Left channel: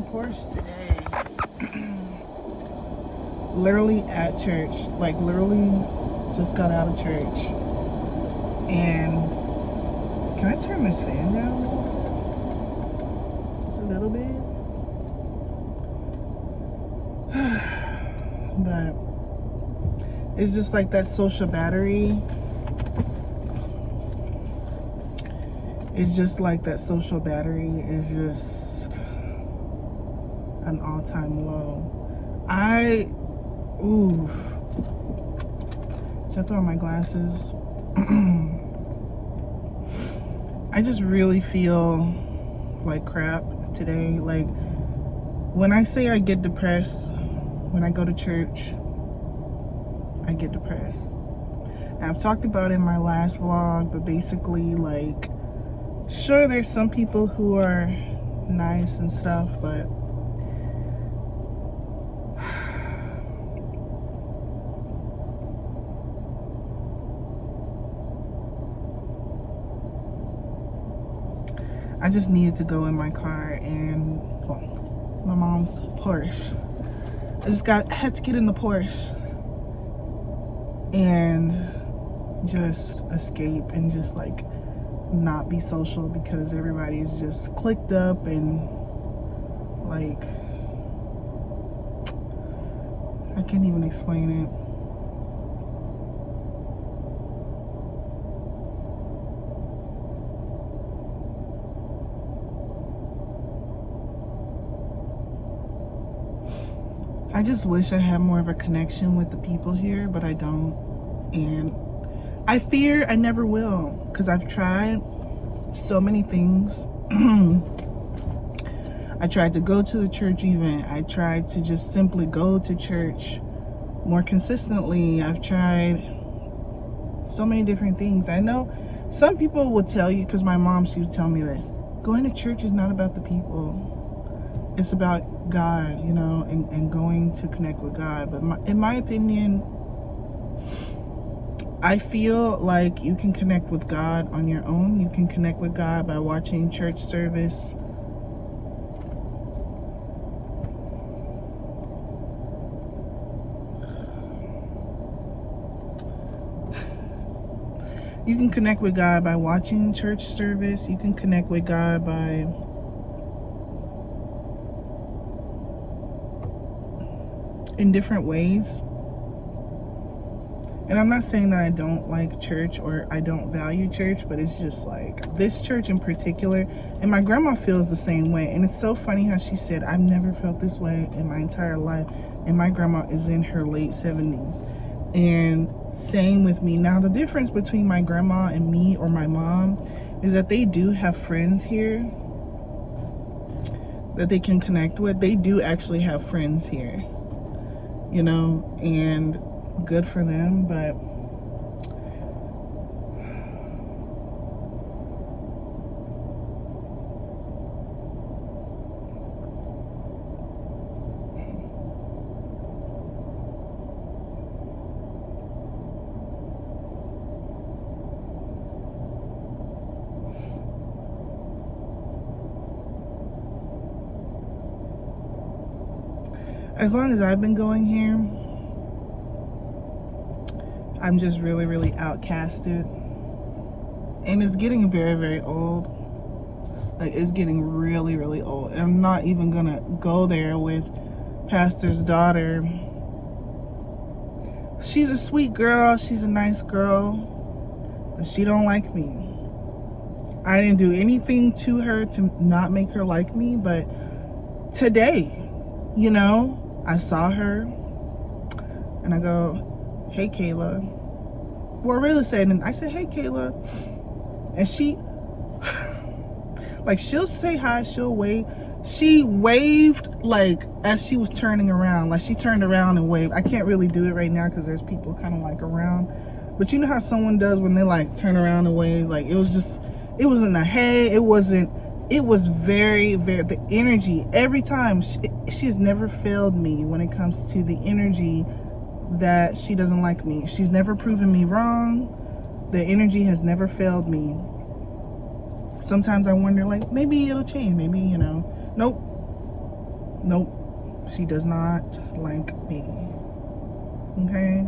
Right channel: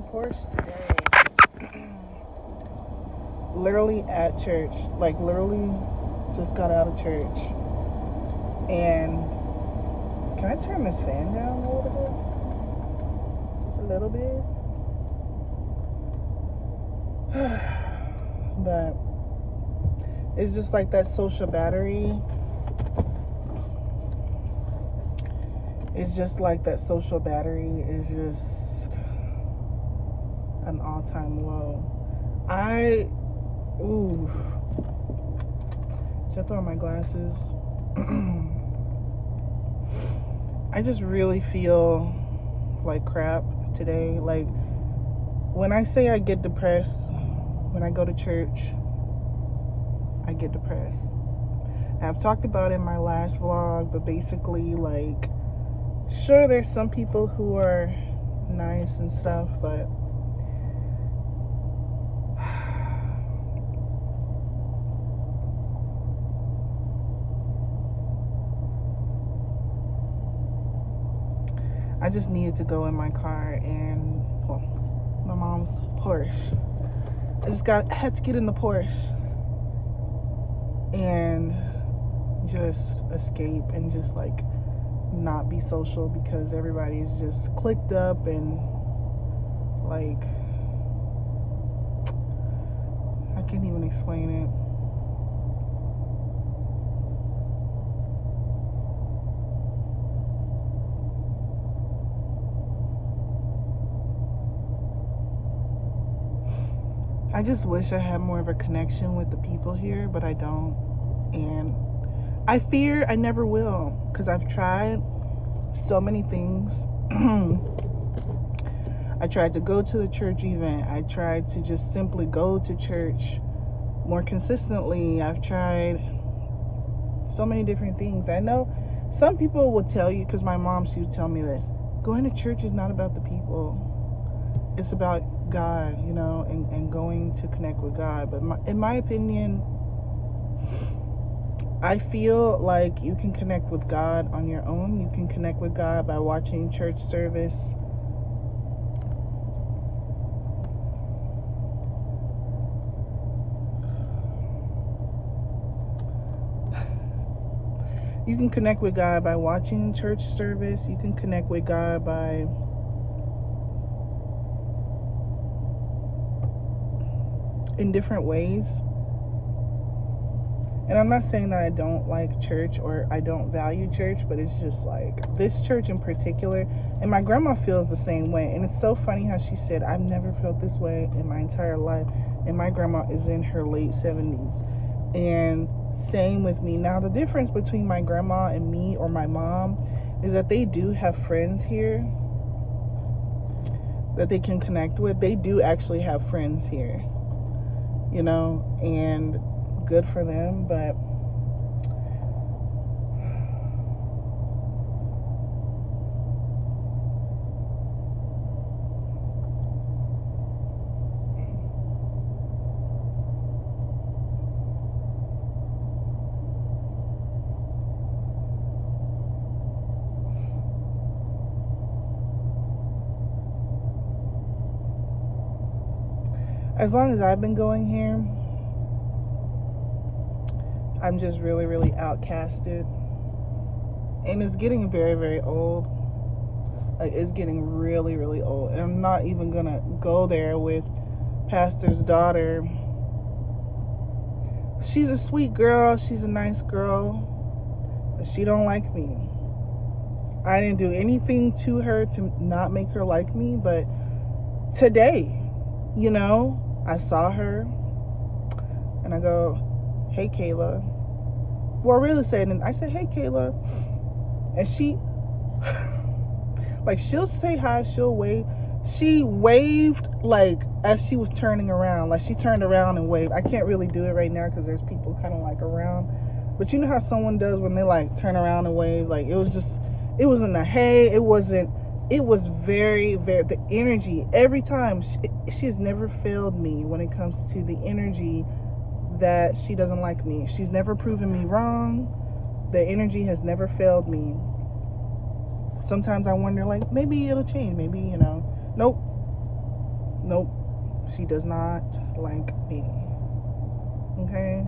the Porsche today. Literally at church. Like, literally just got out of church. And can I turn this fan down a little bit? Just a little bit. But it's just like that social battery. It's just like that social battery is just an all-time low. Should I throw on my glasses? I just really feel like crap today. Like, when I say I get depressed, when I go to church, I get depressed. And I've talked about it in my last vlog, but basically, like, sure, there's some people who are nice and stuff, but I just needed to go in my car and, well, my mom's Porsche. I had to get in the Porsche and just escape and just like not be social, because everybody's just clicked up and like, I can't even explain it. I just wish I had more of a connection with the people here, but I don't. And I fear I never will, because I've tried so many things. I tried to go to the church event. I tried to just simply go to church more consistently. I've tried so many different things. I know some people will tell you, because my mom, she would tell me this, going to church is not about the people. It's about God, you know, and going to connect with God. But in my opinion, I feel like you can connect with God on your own. You can connect with God by watching church service. You can connect with God by watching church service. You can connect with God by in different ways. And I'm not saying that I don't like church or I don't value church, but it's just like this church in particular. And my grandma feels the same way. And it's so funny how she said, I've never felt this way in my entire life. And my grandma is in her late 70s. And same with me. Now, the difference between my grandma and me, or my mom, is that they do have friends here that they can connect with. They do actually have friends here, you know, and good for them. But as long as I've been going here, I'm just really, really outcasted. And it's getting very, very old. Like, it's getting really, really old. And I'm not even gonna go there with pastor's daughter. She's a sweet girl. She's a nice girl. But she don't like me. I didn't do anything to her to not make her like me. But today, you know, I saw her and I go, hey, Kayla. Well, I really said, and I said, hey, Kayla. And she, like, she'll say hi, she'll wave. She waved, like, as she was turning around. Like, she turned around and waved. I can't really do it right now because there's people kind of, like, around. But you know how someone does when they, like, turn around and wave? Like, it was just, it wasn't a hey, it wasn't, it was very, very, the energy, every time, she's never failed me when it comes to the energy that she doesn't like me. She's never proven me wrong. The energy has never failed me. Sometimes I wonder, like, maybe it'll change. Maybe, you know. Nope. Nope, she does not like me. Okay?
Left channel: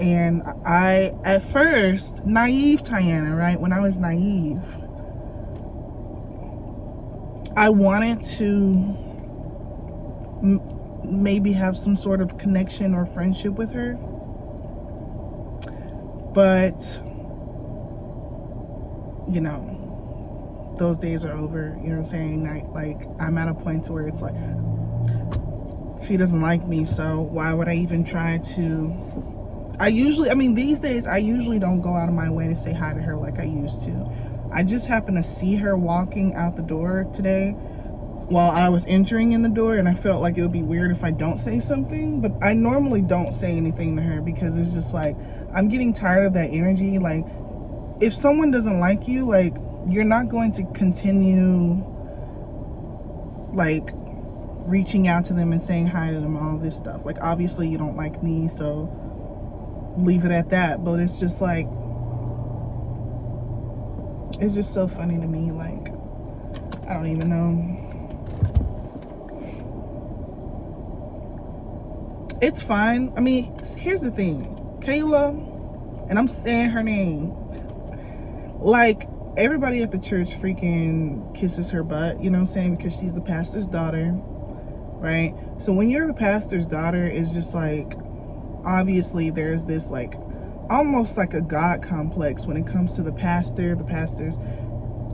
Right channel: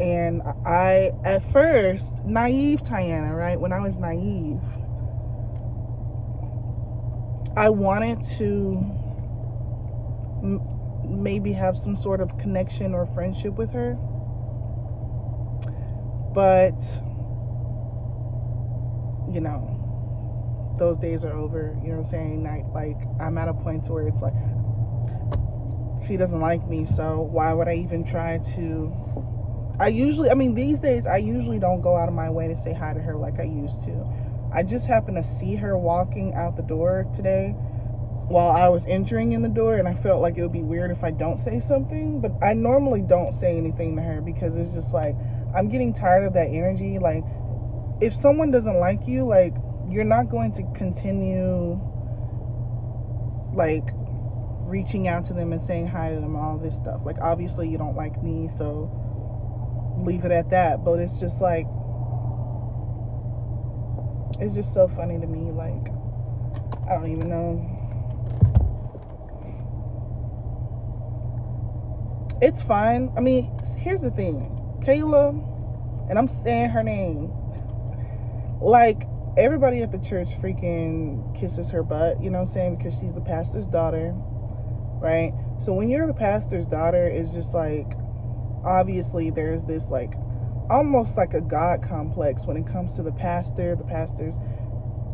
And I, at first, naive Tiana, right? When I was naive, I wanted to maybe have some sort of connection or friendship with her. But, you know, those days are over. You know what I'm saying? Like, I'm at a point where it's like, she doesn't like me, so why would I even try to? These days, I usually don't go out of my way to say hi to her like I used to. I just happened to see her walking out the door today while I was entering in the door, and I felt like it would be weird if I don't say something, but I normally don't say anything to her because it's just like, I'm getting tired of that energy. Like, if someone doesn't like you, like, you're not going to continue, like, reaching out to them and saying hi to them, all this stuff. Like, obviously you don't like me, so leave it at that. But it's just like, it's just so funny to me. Like, I don't even know. It's fine. I mean, here's the thing. Kayla, and I'm saying her name, like, everybody at the church freaking kisses her butt, you know what I'm saying? Because she's the pastor's daughter, right? So when you're the pastor's daughter, it's just like, obviously there's this like almost like a God complex when it comes to the pastor, the pastor's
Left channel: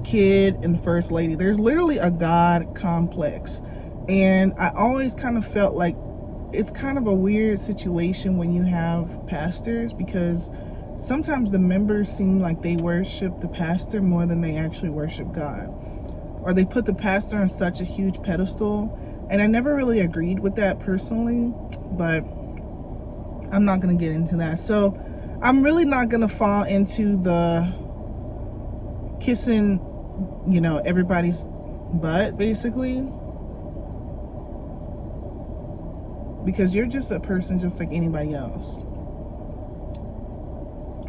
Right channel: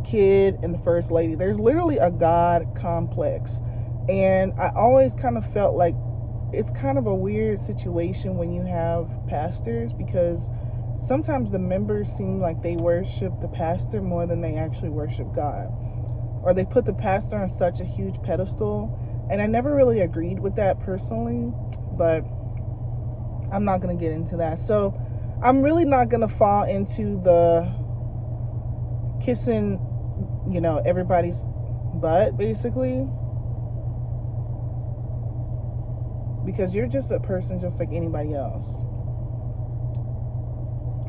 kid, and the first lady. There's literally a God complex. And I always kind of felt like it's kind of a weird situation when you have pastors, because sometimes the members seem like they worship the pastor more than they actually worship God, or they put the pastor on such a huge pedestal. And I never really agreed with that personally, but I'm not going to get into that. So I'm really not going to fall into the kissing, you know, everybody's butt, basically, because you're just a person just like anybody else.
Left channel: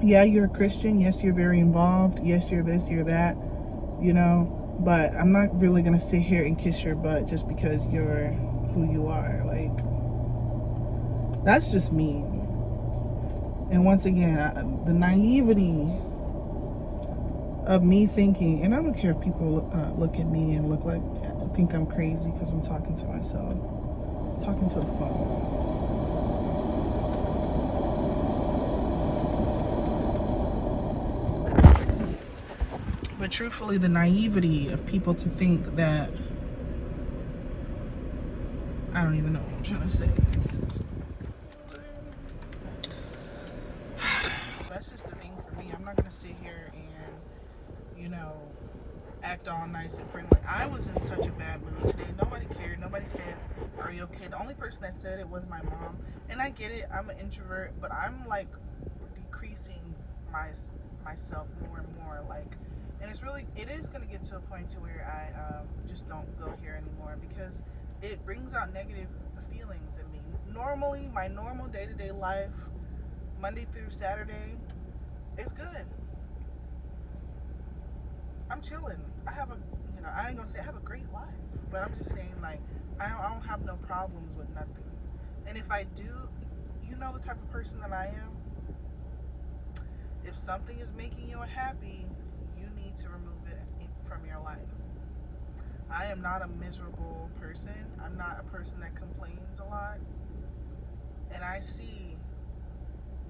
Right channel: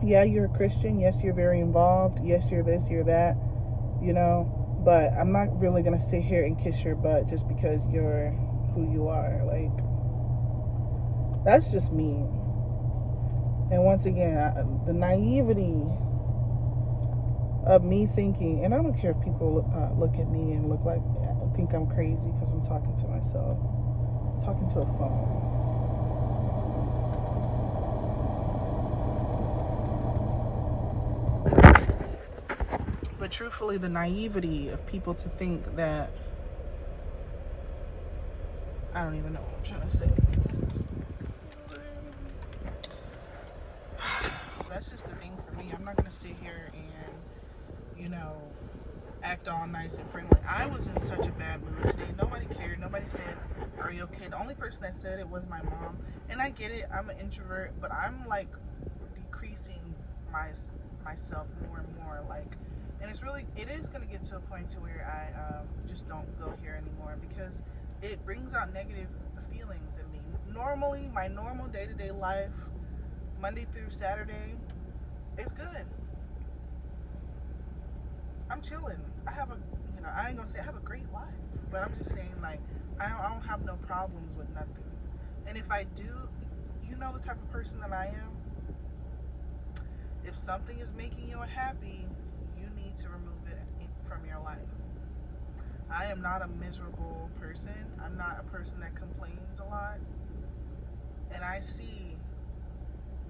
Yeah, you're a Christian. Yes, you're very involved. Yes, you're this, you're that, you know, but I'm not really going to sit here and kiss your butt just because you're who you are. Like, that's just me. And once again, the naivety of me thinking, and I don't care if people look at me and look like, think I'm crazy because I'm talking to myself, I'm talking to a phone. But truthfully, the naivety of people to think that, I don't even know what I'm trying to say. That's just the thing for me. I'm not going to sit here and, you know, act all nice and friendly. I was in such a bad mood today. Nobody cared. Nobody said, are you okay? The only person that said it was my mom. And I get it. I'm an introvert, but I'm like decreasing myself more and more. Like, and it is going to get to a point to where I just don't go here anymore, because it brings out negative feelings in me. Normally, my normal day-to-day life, Monday through Saturday, is good. I'm chilling. I ain't gonna say I have a great life, but I'm just saying, like, I don't have no problems with nothing. And if I do, you know the type of person that I am. If something is making you unhappy, you need to remove it from your life. I am not a miserable person. I'm not a person that complains a lot. And I see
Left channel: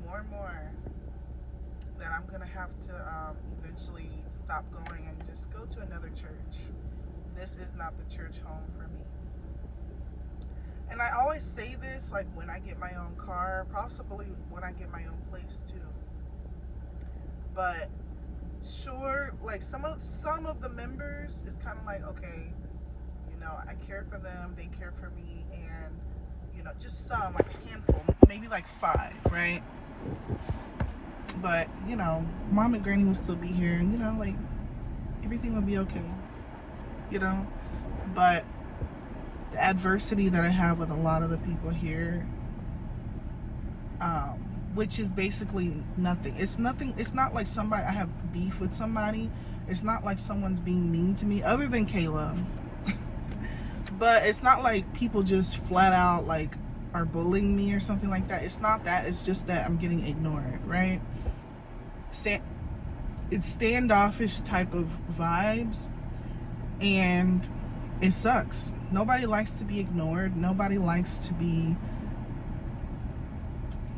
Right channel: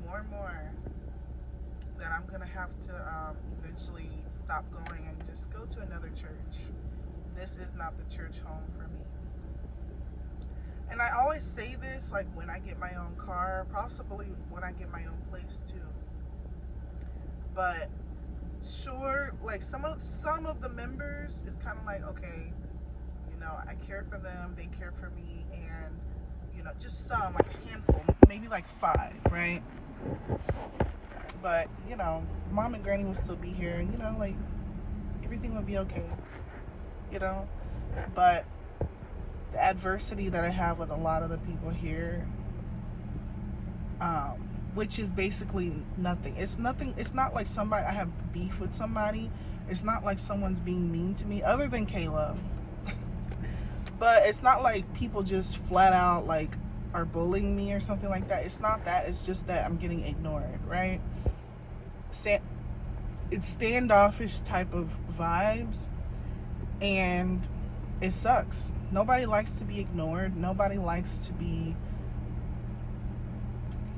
more and more that I'm gonna have to eventually stop going and just go to another church. This is not the church home for me. And I always say this, like, when I get my own car, possibly when I get my own place too. But sure, like, some of the members is kind of like, okay, you know, I care for them, they care for me, and, you know, just some, like a handful, maybe like 5, right? But, you know, mom and granny will still be here, you know, like, everything will be okay, you know? But the adversity that I have with a lot of the people here, which is basically nothing. It's nothing. It's not like I have beef with somebody. It's not like someone's being mean to me, other than Kayla. But it's not like people just flat out like are bullying me or something like that. It's not that. It's just that I'm getting ignored, right? It's standoffish type of vibes, and it sucks. Nobody likes to be ignored. Nobody likes to be,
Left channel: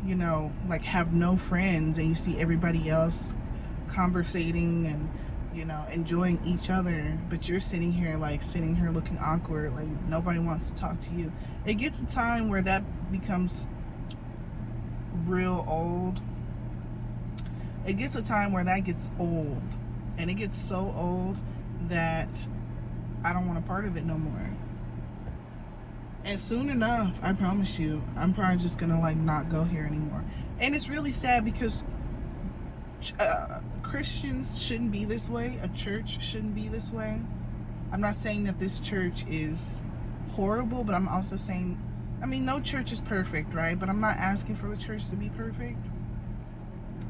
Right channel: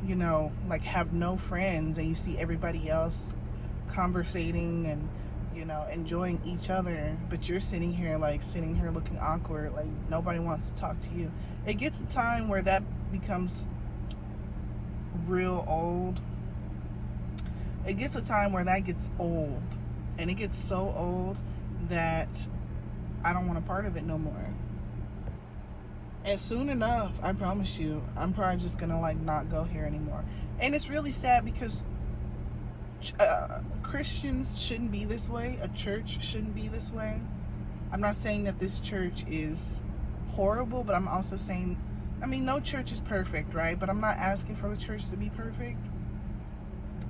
you know, like have no friends and you see everybody else conversating and, you know, enjoying each other, but you're sitting here looking awkward, like nobody wants to talk to you. It gets a time where that becomes real old. It gets a time where that gets old, and it gets so old that I don't want a part of it no more. And soon enough, I promise you, I'm probably just gonna like not go here anymore. And it's really sad because Christians shouldn't be this way. A church shouldn't be this way. I'm not saying that this church is horrible, but I'm also saying, I mean, no church is perfect, right? But I'm not asking for the church to be perfect.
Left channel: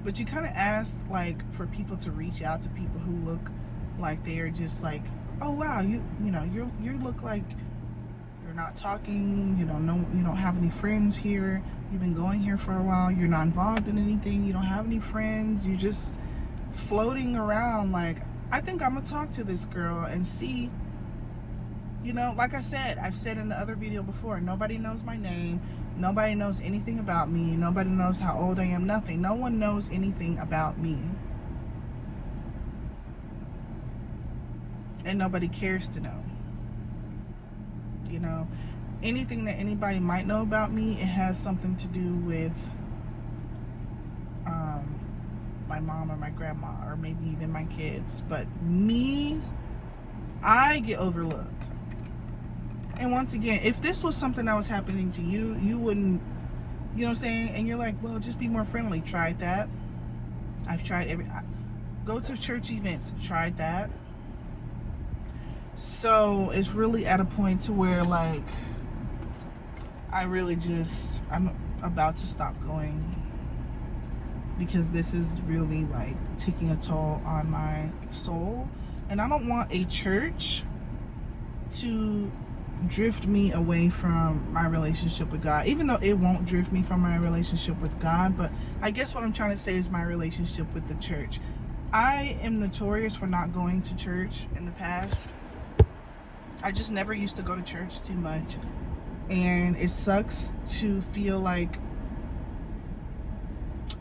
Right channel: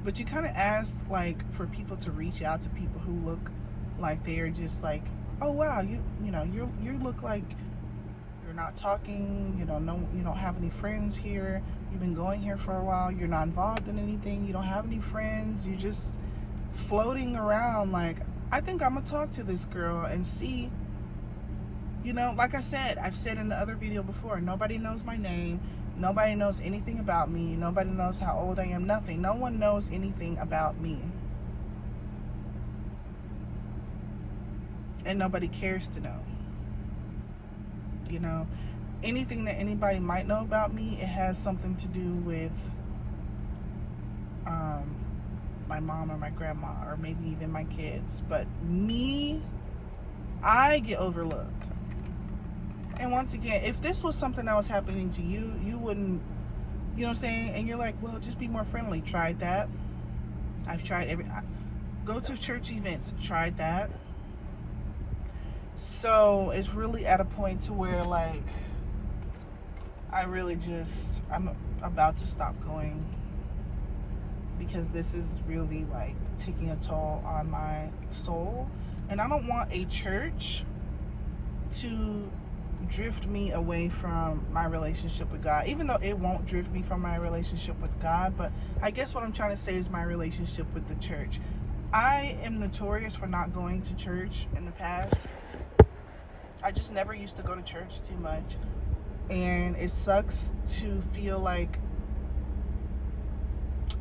But you kind of ask like for people to reach out to people who look like they are just like, oh wow, you know, you look like you're not talking, you don't have any friends here, you've been going here for a while, you're not involved in anything, you don't have any friends, you're just floating around. Like, I think I'm gonna talk to this girl and see, you know, like I said, I've said in the other video before, nobody knows my name, nobody knows anything about me, nobody knows how old I am, nothing. No one knows anything about me, and nobody cares to know. You know, anything that anybody might know about me, it has something to do with my mom or my grandma or maybe even my kids. But me, I get overlooked. And once again, if this was something that was happening to you, you wouldn't, you know what I'm saying? And you're like, well, just be more friendly. Tried that. I've tried go to church events, tried that. So it's really at a point to where like I'm about to stop going, because this is really like taking a toll on my soul, and I don't want a church to drift me away from my relationship with God, even though it won't drift me from my relationship with God. But I guess what I'm trying to say is my relationship with the church. I am notorious for not going to church in the past. I just never used to go to church too much, and it sucks to feel like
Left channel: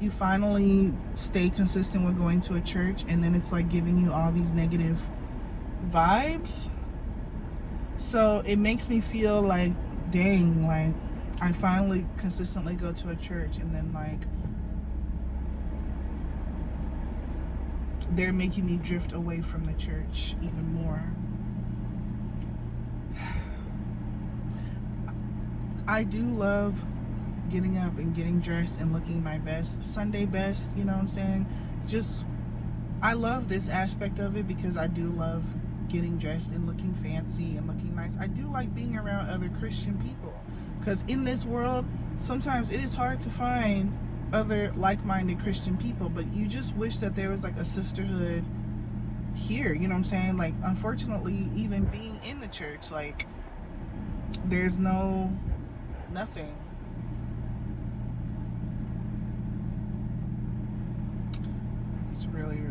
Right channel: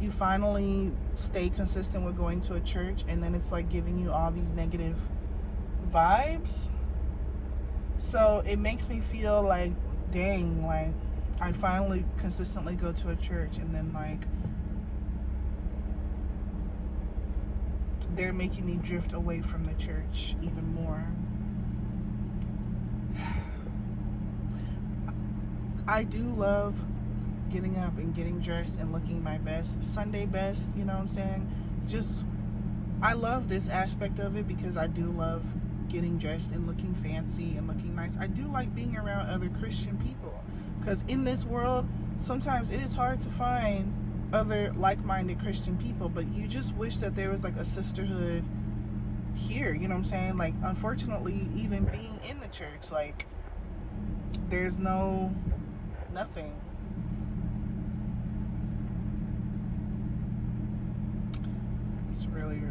you finally stay consistent with going to a church and then it's like giving you all these negative vibes. So it makes me feel like, dang, like I finally consistently go to a church and then like they're making me drift away from the church even more. I do love getting up and getting dressed and looking my best, Sunday best, you know what I'm saying? Just, I love this aspect of it because I do love getting dressed and looking fancy and looking nice. I do like being around other Christian people, because in this world, sometimes it is hard to find other like-minded Christian people, but you just wish that there was like a sisterhood here, you know what I'm saying? Like, unfortunately, even being in the church, like, there's nothing. It's really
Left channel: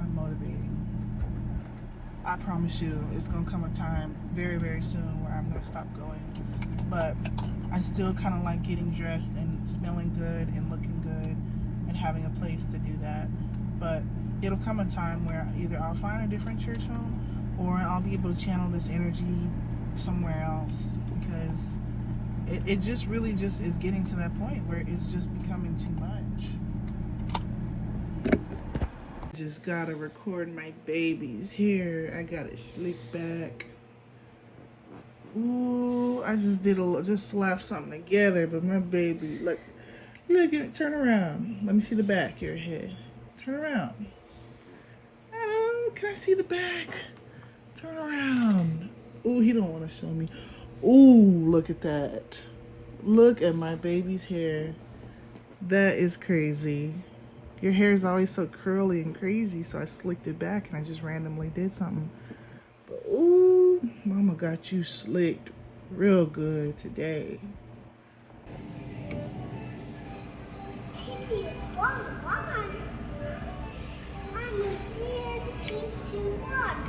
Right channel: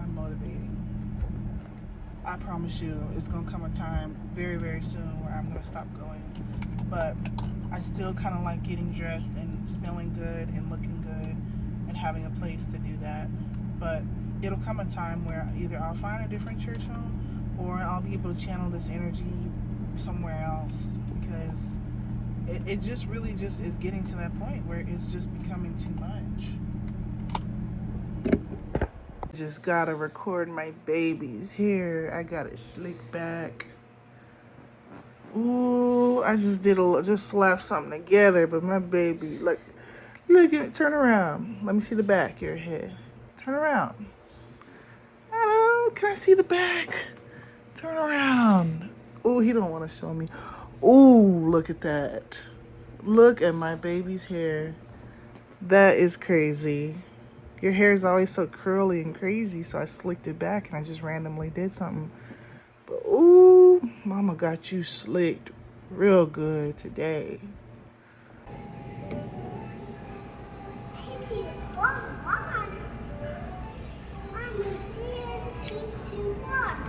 unmotivating. I promise you, it's gonna come a time very, very soon where I'm gonna stop going. But I still kind of like getting dressed and smelling good and looking good and having a place to do that. But it'll come a time where either I'll find a different church home or I'll be able to channel this energy somewhere else, because it just really just is getting to that point where it's just becoming too much. Just gotta record my babies here. I got it slick back. Ooh, I just slapped something together, but my baby, look at it. Turn around. Let me see the back of your head. Turn around. Hello, can I see the back? Turn around. Oh, he don't want to show me. Ooh, look at that. Look at my baby's hair. That is crazy. Your hair is always so curly and crazy, so I slicked it back and I just randomly did something. But ooh, Mama got you slicked real good today.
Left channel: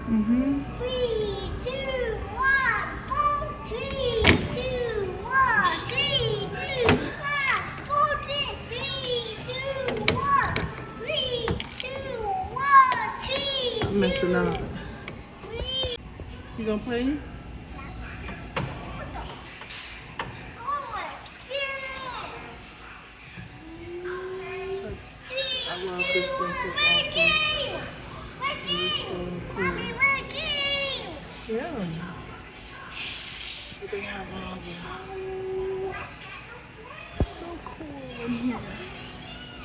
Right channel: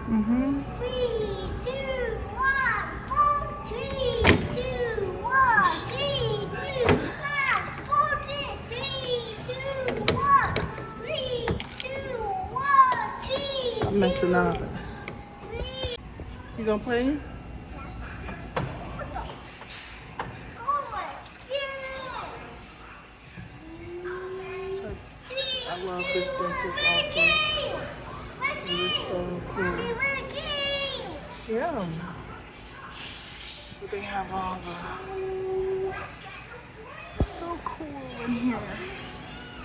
Mm-hmm. 3, 2, 1. 3, 2, 1. 3, 2, 1. 3, 2, 1. 3, 2, 1. 3. I'm messing up. You gonna play? I love this dentist office. It is so cool. Yeah. They have all the... It's so cool in here.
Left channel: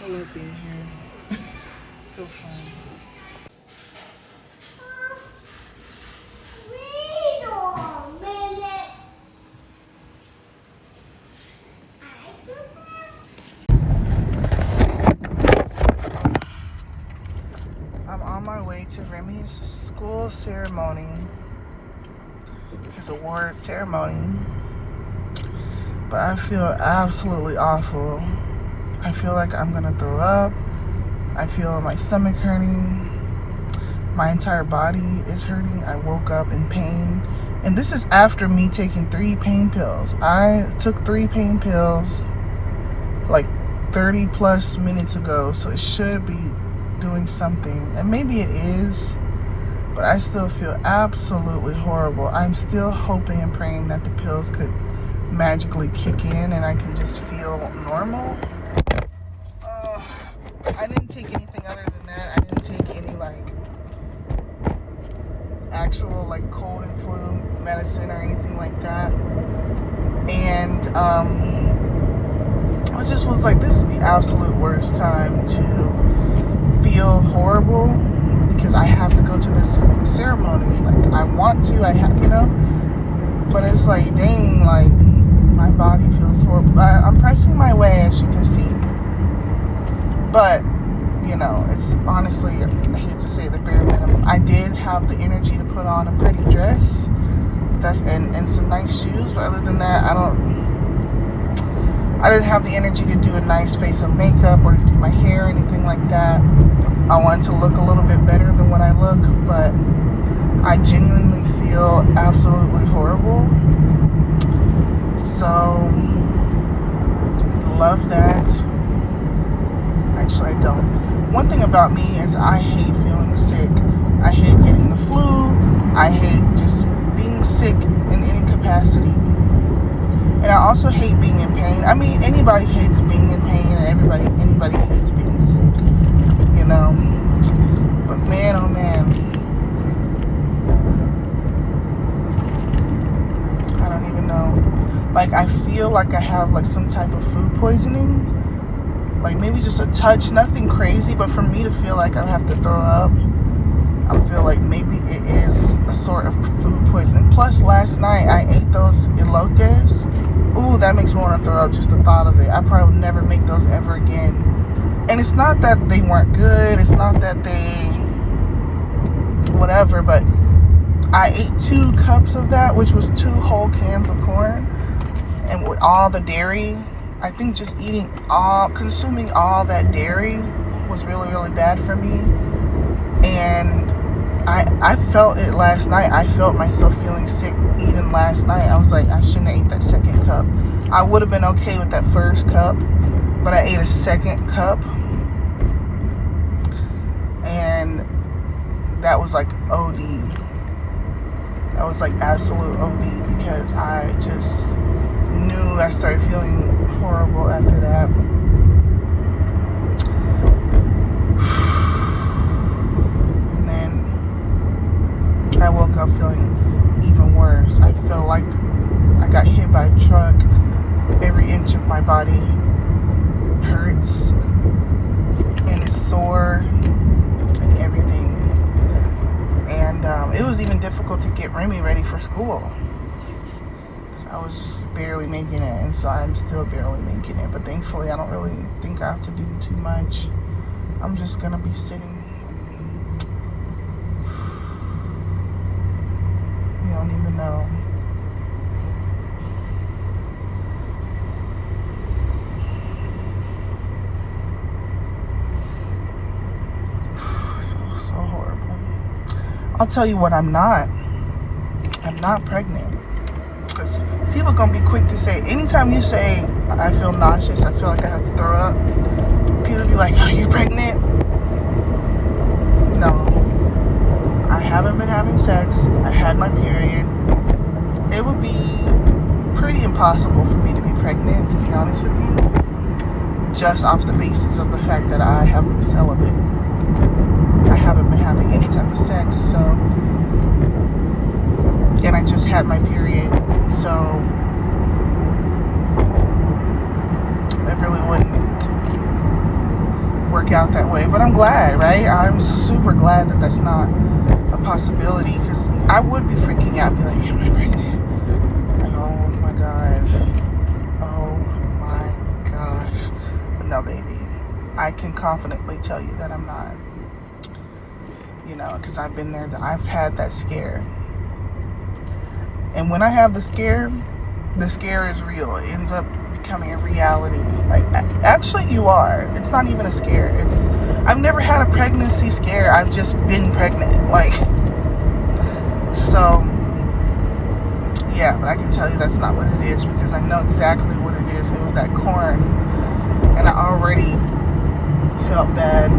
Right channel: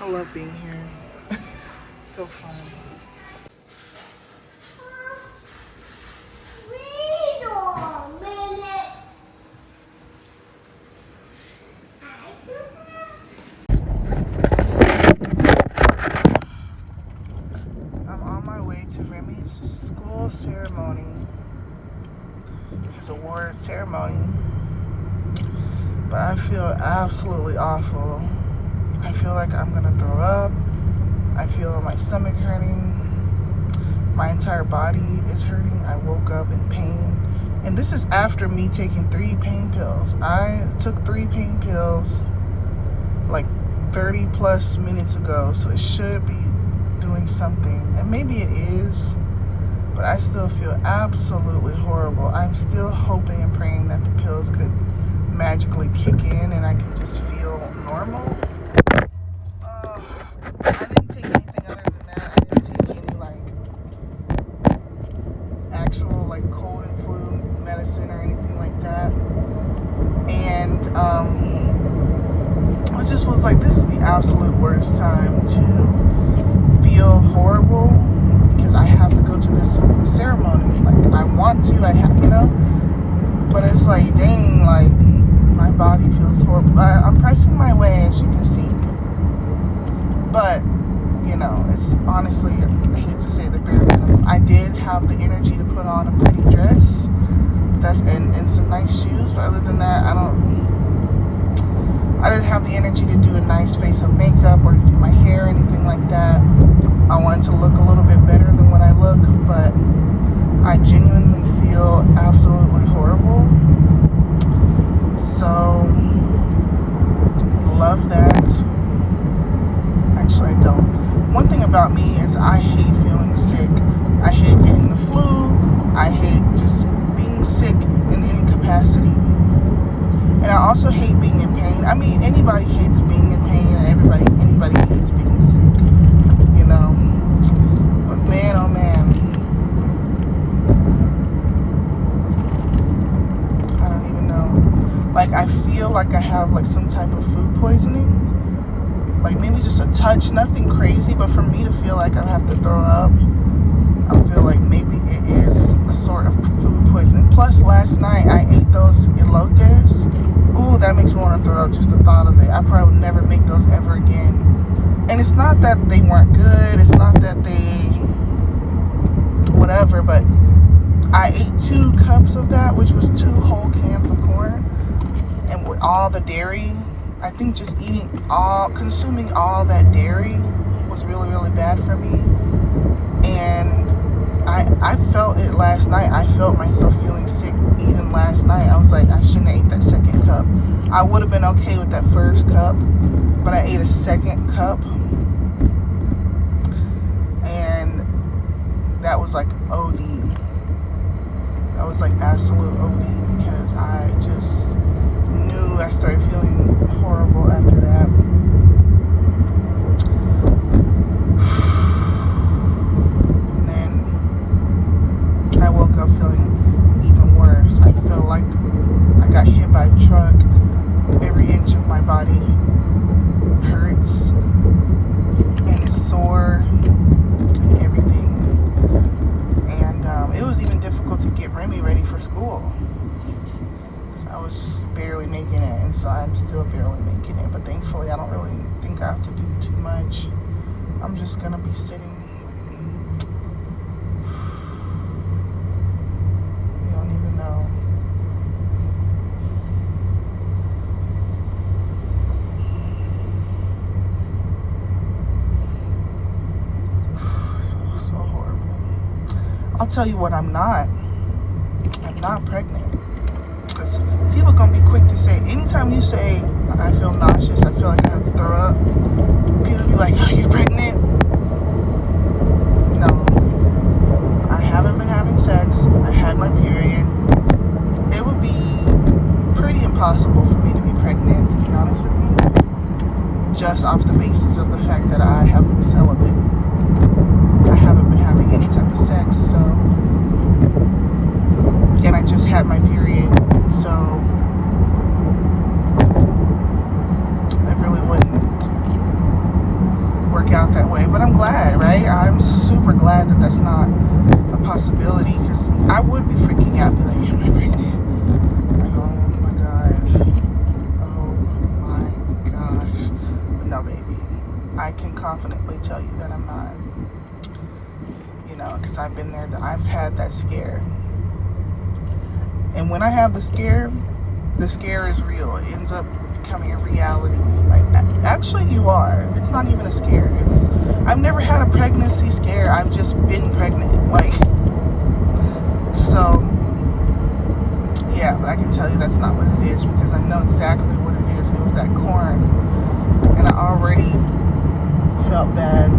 I love being here. So fun. Wait a minute. I'm on my way to Remy's school ceremony. His award ceremony. But I feel absolutely awful. I feel like I'm gonna throw up. I feel my stomach hurting. My entire body is hurting. I woke up in pain. And this is after me taking 3 pain pills. I took 3 pain pills like 30 plus minutes ago, so it should be doing something. And maybe it is, but I still feel absolutely horrible. I'm still hoping and praying that the pills could magically kick in and I can just feel normal. I didn't take anything other than that. I didn't take any like actual like cold and flu medicine or anything like that. And I just was like, this is the absolute worst time to feel horrible because I have to go to this ceremony. Like I want to, I have, you know, but it's like, dang, like my body feels horrible. I'm pressing my way, as you can see, but you know, it's honestly, I hate to say the bare minimum. I did have the energy to put on a pretty dress, and some nice shoes, but other than that, I didn't have the energy to do a nice face of makeup or to do my hair or anything like that. I wanted to look a little bit better than what I look, but I genuinely feel absolutely horrible. So, love that. Actually, I don't. One thing about me is I hate feeling sick. I hate getting the flu. I hate just being sick in any capacity. And I also hate being in pain. I mean, anybody hates being in pain, and anybody hates being sick, you know. But man, oh man, I don't even know. Like, I feel like I have like some type of food poisoning. Like maybe just a touch, nothing crazy, but for me to feel like I have to throw up, I feel like maybe it is a sort of food poisoning. Plus, last night I ate those elotes. Ooh, that makes me want to throw up just the thought of it. I probably would never make those ever again. And it's not that they weren't good. It's not that they whatever, but I ate 2 cups of that, which was 2 whole cans of corn. And with all the dairy, I think just consuming all that dairy was really, really bad for me. And I felt it last night. I felt myself feeling sick even last night. I was like, I shouldn't have ate that second cup. I would have been okay with that first cup, but I ate a second cup. And that was like OD. That was like absolute OD because I just knew I started feeling horrible after that. And then I woke up feeling even worse. I felt like I got hit by a truck. Every inch of my body hurts and is sore and everything. And it was even difficult to get Remy ready for school. I was just barely making it, and so I'm still barely making it, but thankfully I don't really think I have to do too much. I'm just gonna be sitting, you know, don't even know. So horrible. I'll tell you what I'm not. I'm not pregnant. Because people gonna be quick to say, anytime you say, I feel nauseous, I feel like I have to throw up, people be like, are you pregnant? No. I haven't been having sex. I had my period. It would be pretty impossible for me to be pregnant, to be honest with you. Just off the basis of the fact that I have been celibate. I haven't been having any type of sex, so, and I just had my period, so it really wouldn't work out that way. But I'm glad, right? I'm super glad that that's not a possibility, because I would be freaking out, be like, am I pregnant? Like, oh my god. Oh my gosh. No, baby. I can confidently tell you that I'm not. You know, because I've been there, I've had that scare. And when I have the scare is real. It ends up becoming a reality. Like, actually you are. It's not even a scare. I've never had a pregnancy scare. I've just been pregnant. Like, so, yeah, but I can tell you that's not what it is, because I know exactly what it is. It was that corn. And I already felt bad.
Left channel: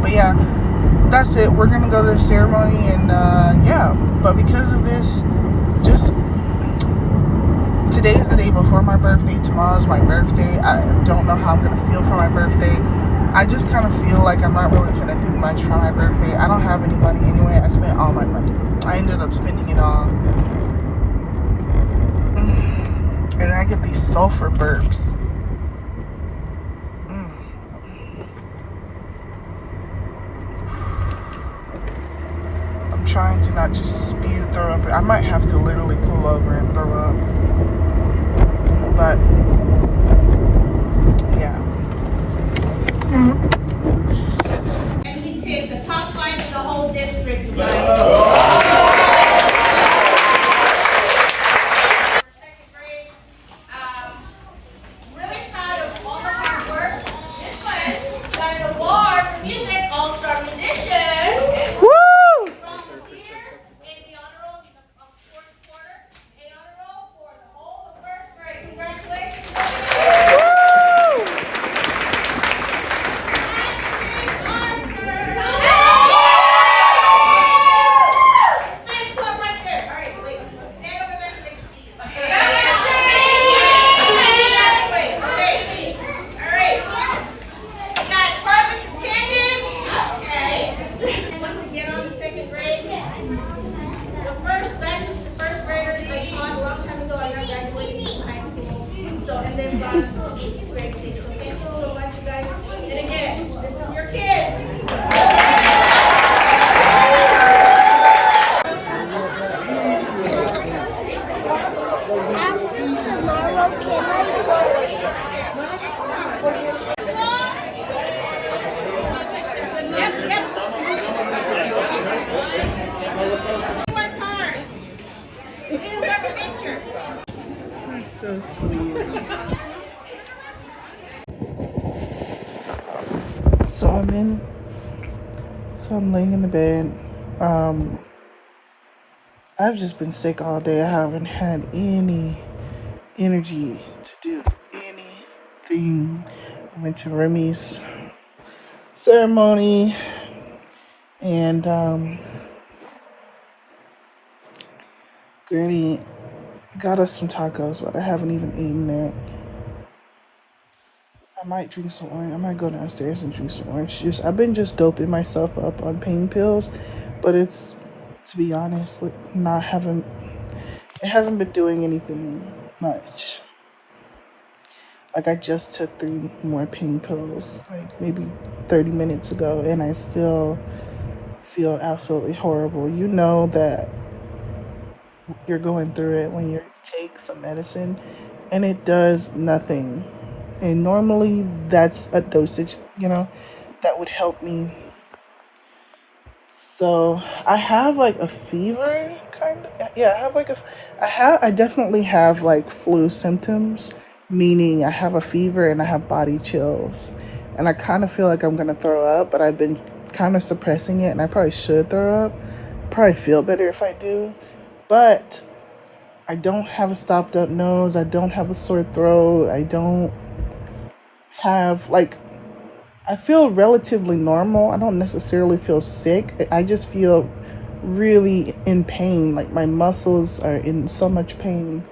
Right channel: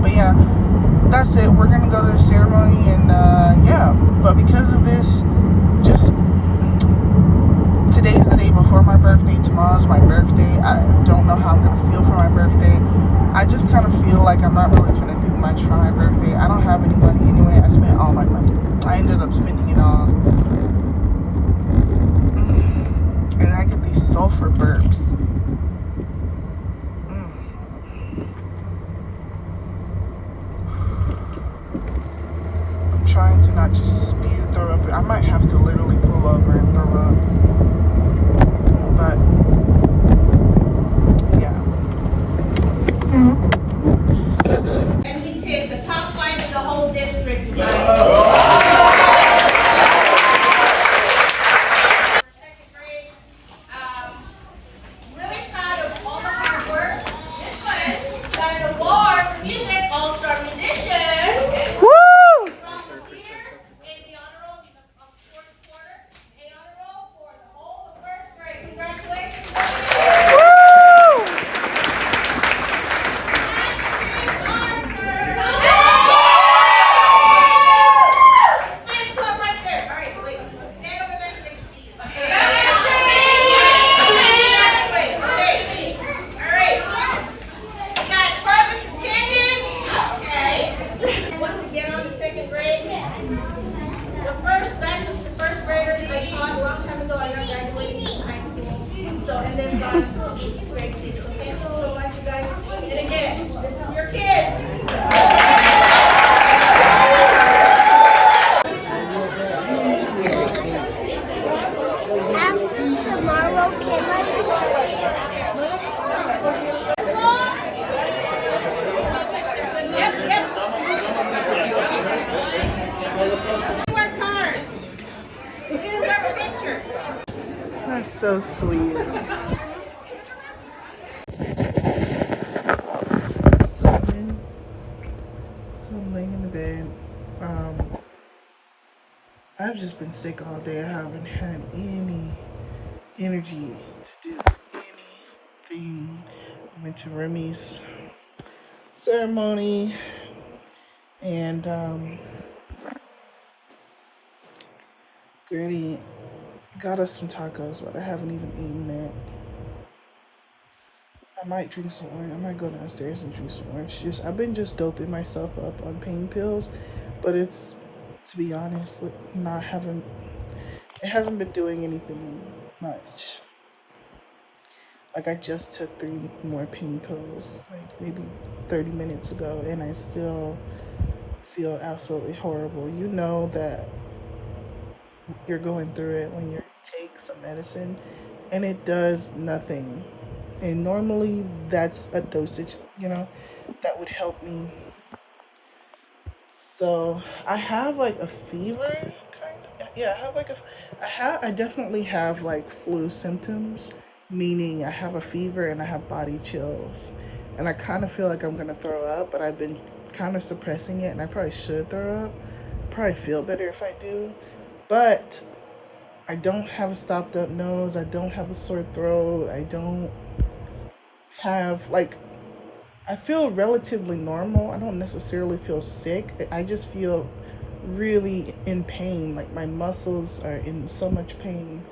But yeah, that's it. We're gonna go to the ceremony, and yeah, but because of this, just today's the day before my birthday. Tomorrow's my birthday. I don't know how I'm gonna feel for my birthday. I just kind of feel like I'm not really gonna do much for my birthday. I don't have any money anyway. I spent all my money. I ended up spending it all. And I get these sulfur burps. I'm trying to not just spew, throw up. I might have to literally pull over and throw up. But, yeah. And he said the top 5 in the whole district, you guys. Second grade. Really proud of all the hard work. This one got an award for music, all-star musician. Woo! Volunteer in the honor roll in the fourth quarter. A honor roll for the whole first grade. Congratulations. So, and then gone to 8th grade. So thank you so much, you guys. And again, this is your kids. Work hard. You deserve a picture. That's so sweet. So I'm laying in the bed. I've just been sick all day. I haven't had any energy to do anything. I went to Remy's ceremony, and Granny got us some tacos, but I haven't even eaten that. I might drink some orange. I might go downstairs and drink some orange juice. I've been just doping myself up on pain pills, but it's, to be honest, it hasn't been doing anything much. Like, I just took 3 more pain pills, like maybe 30 minutes ago, and I still feel absolutely horrible. You know that you're going through it when you take some medicine and it does nothing. And normally that's a dosage, that would help me So I have like a fever, kind of. Yeah, I have like I definitely have like flu symptoms, meaning I have a fever and I have body chills, and I kind of feel like I'm gonna throw up, but I've been kind of suppressing it, and I probably should throw up. Probably feel better if I do, but I don't have a stopped up nose. I don't have a sore throat. I don't have like I feel relatively normal. I don't necessarily feel sick. I just feel really in pain. Like my muscles are in so much pain,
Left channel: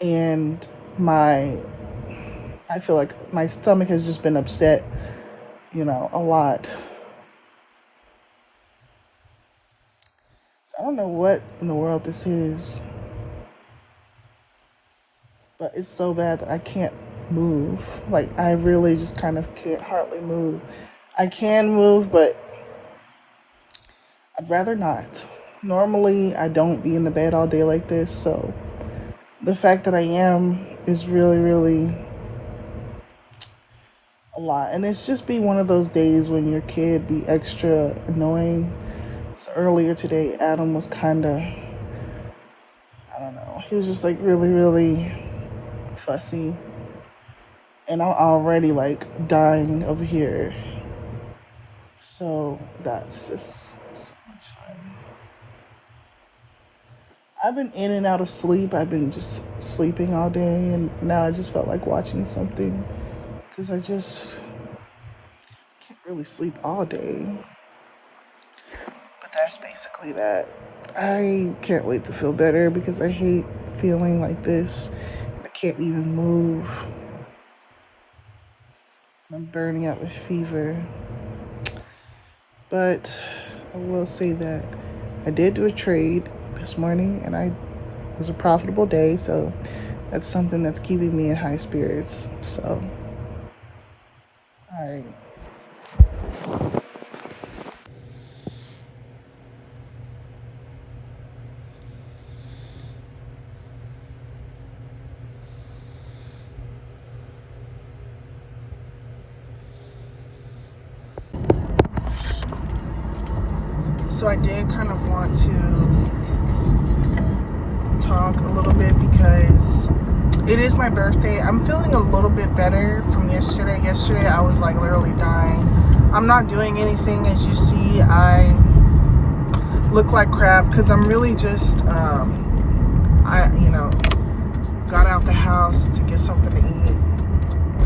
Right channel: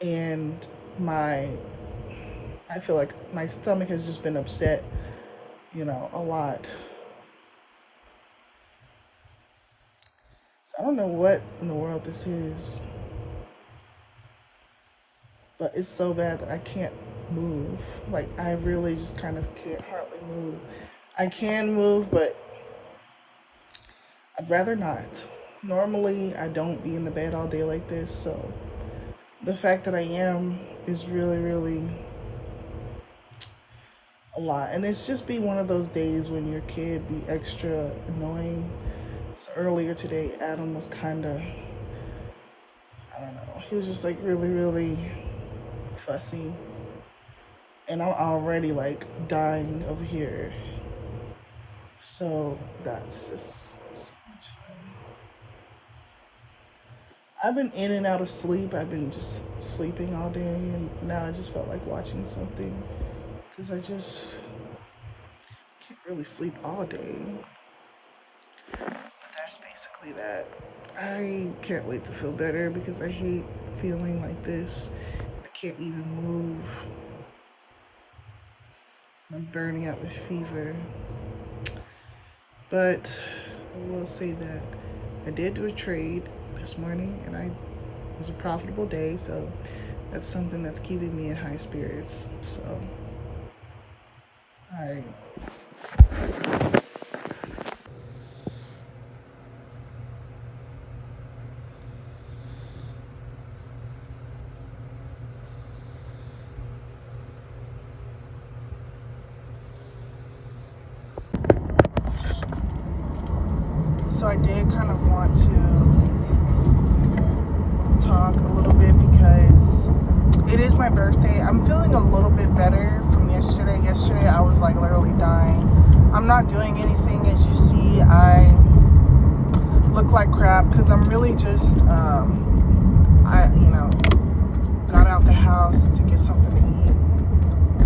and my I feel like my stomach has just been upset, a lot. So I don't know what in the world this is, but it's so bad that I can't move. Like I really just kind of can't hardly move. I can move, but I'd rather not. Normally, I don't be in the bed all day like this, so the fact that I am is really, really a lot. And it's just be one of those days when your kid be extra annoying. So earlier today, Adam was kind of, I don't know, he was just like really, really fussy. And I'm already like dying over here. So that's just so much fun. I've been in and out of sleep. I've been just sleeping all day, and now I just felt like watching something because I just can't really sleep all day. But that's basically that. I can't wait to feel better because I hate feeling like this. I can't even move. I'm burning out with fever. But I will say that I did do a trade this morning, and it was a profitable day, so that's something that's keeping me in high spirits. So, all right. So I did kind of want to talk a little bit because it is my birthday. I'm feeling a little bit better from yesterday. Yesterday I was like literally dying. I'm not doing anything, as you see. I look like crap because I'm really just got out the house to get something to eat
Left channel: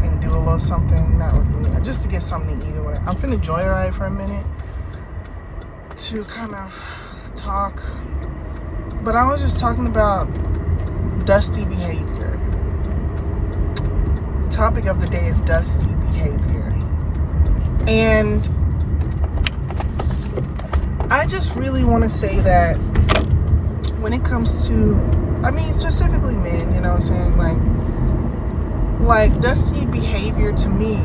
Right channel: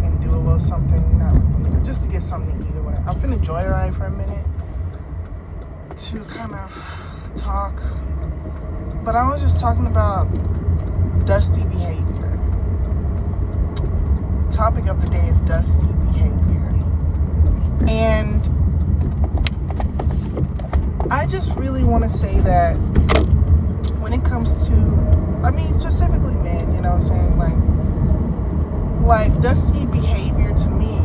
and do a little something, not really, just to get something to eat or whatever. I'm finna joyride for a minute to kind of talk, but I was just talking about dusty behavior. The topic of the day is dusty behavior, and I just really want to say that when it comes to, specifically men, you know what I'm saying, like dusty behavior to me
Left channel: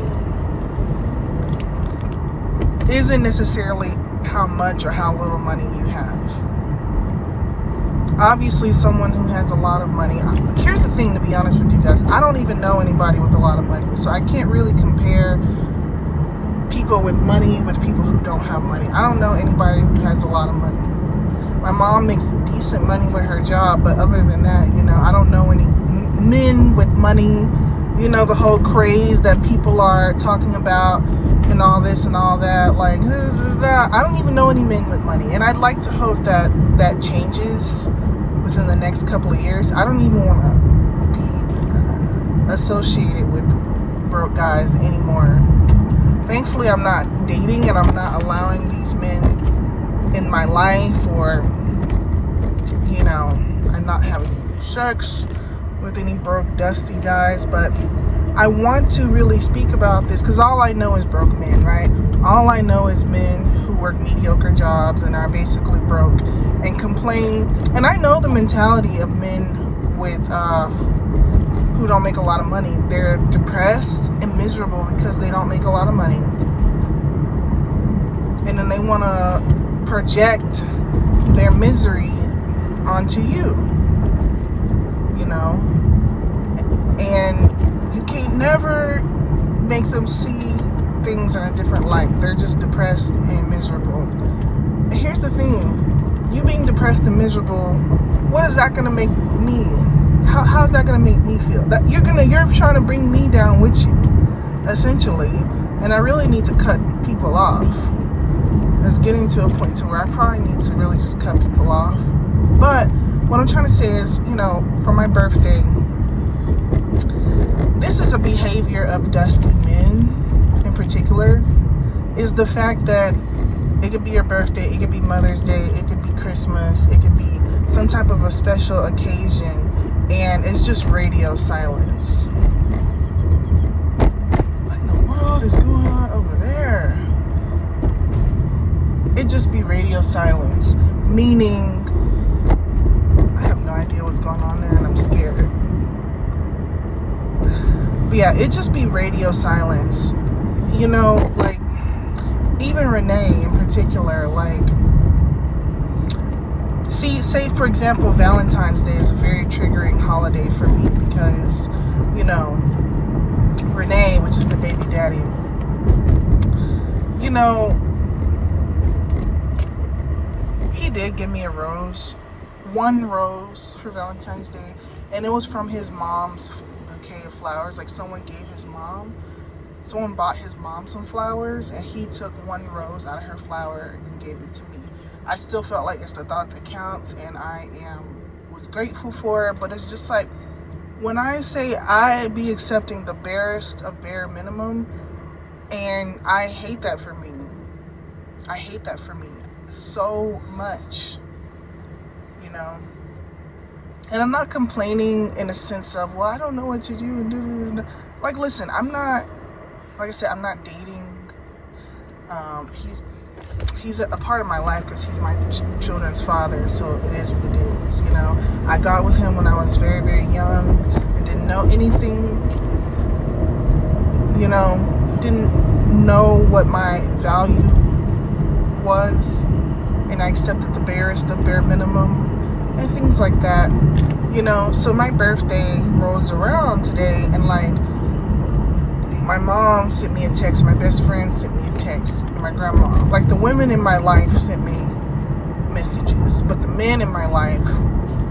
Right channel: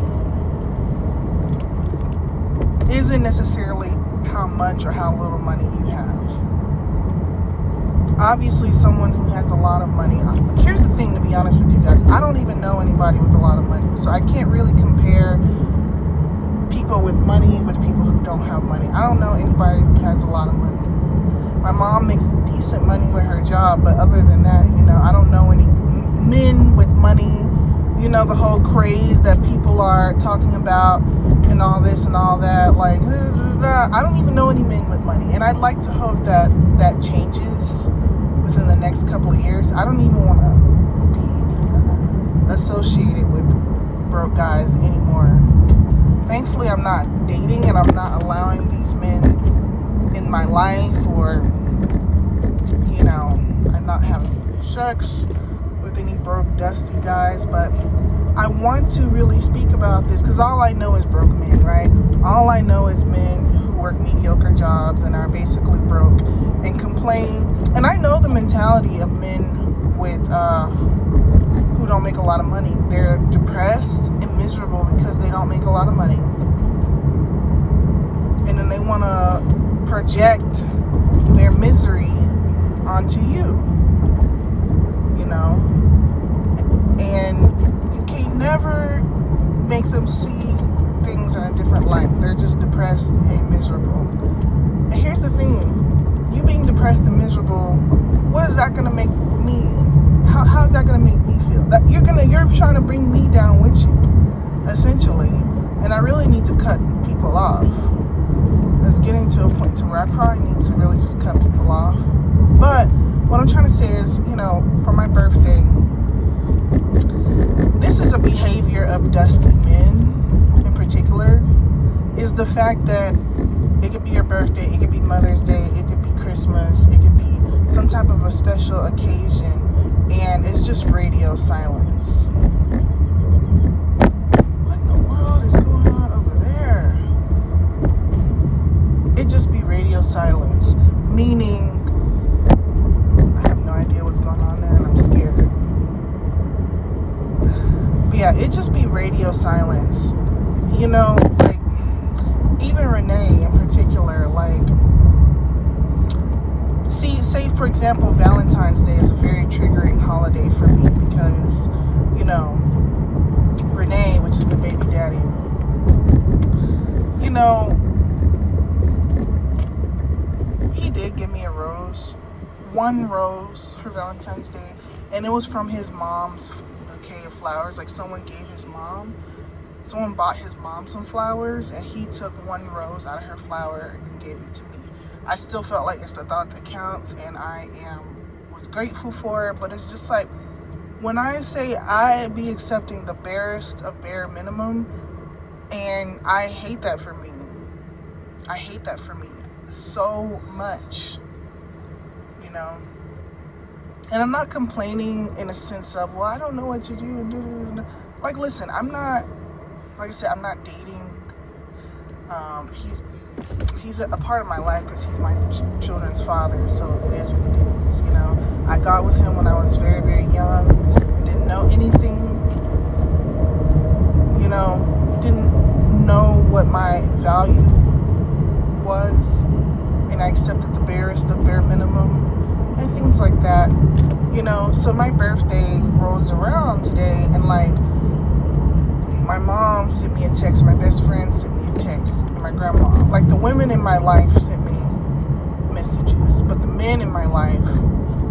isn't necessarily how much or how little money you have. Obviously, someone who has a lot of money, here's the thing, to be honest with you guys, I don't even know anybody with a lot of money, so I can't really compare people with money with people who don't have money. I don't know anybody who has a lot of money. My mom makes decent money with her job, but other than that, I don't know any men with money, the whole craze that people are talking about and all this and all that, like, I don't even know any men with money, and I'd like to hope that that changes within the next couple of years. I don't even want to be associated with broke guys anymore. Thankfully, I'm not dating, and I'm not allowing these men in my life, or, I'm not having sex with any broke, dusty guys. But I want to really speak about this because all I know is broke men, right? All I know is men who work mediocre jobs and are basically broke and complain. And I know the mentality of men with who don't make a lot of money. They're depressed and miserable because they don't make a lot of money, and then they want to project their misery onto you, and you can't never make them see things in a different light. They're just depressed and miserable. And here's the thing. You being depressed and miserable, what is that gonna make me? How's that gonna make me feel? That you're trying to bring me down with you, essentially. And I really need to cut people off. It's getting to a point to where I probably need to really just cut people off. But what I'm trying to say is, for my birthday, this is a behavior of dusty men in particular, is the fact that it could be your birthday, it could be Mother's Day, it could be Christmas, it could be some type of a special occasion, and it's just radio silence. What in the world is going on over there? It just be radio silence, meaning I have no idea what's going on there and I'm scared. Yeah, it just be radio silence. Like, even Renee in particular, like, say for example, Valentine's Day is a very triggering holiday for me because, Renee, which is the baby daddy, he did give me a rose, one rose for Valentine's Day, and it was from his mom's bouquet of flowers. Like, someone bought his mom some flowers, and he took one rose out of her flower and gave it to me. I still felt like it's the thought that counts, and I was grateful for it. But it's just like, when I say I be accepting the barest of bare minimum, and I hate that for me. I hate that for me so much, And I'm not complaining in a sense of, well, I don't know what to do. Like, listen, I'm not dating. He's a part of my life because he's my children's father, so it is what it is, I got with him when I was very, very young and didn't know anything, didn't know what my value was, and I accepted the barest of bare minimum and things like that, So my birthday rolls around today, and like, my mom sent me a text, my best friend sent me a text, and my grandma. Like, the women in my life sent me messages, but the men in my life,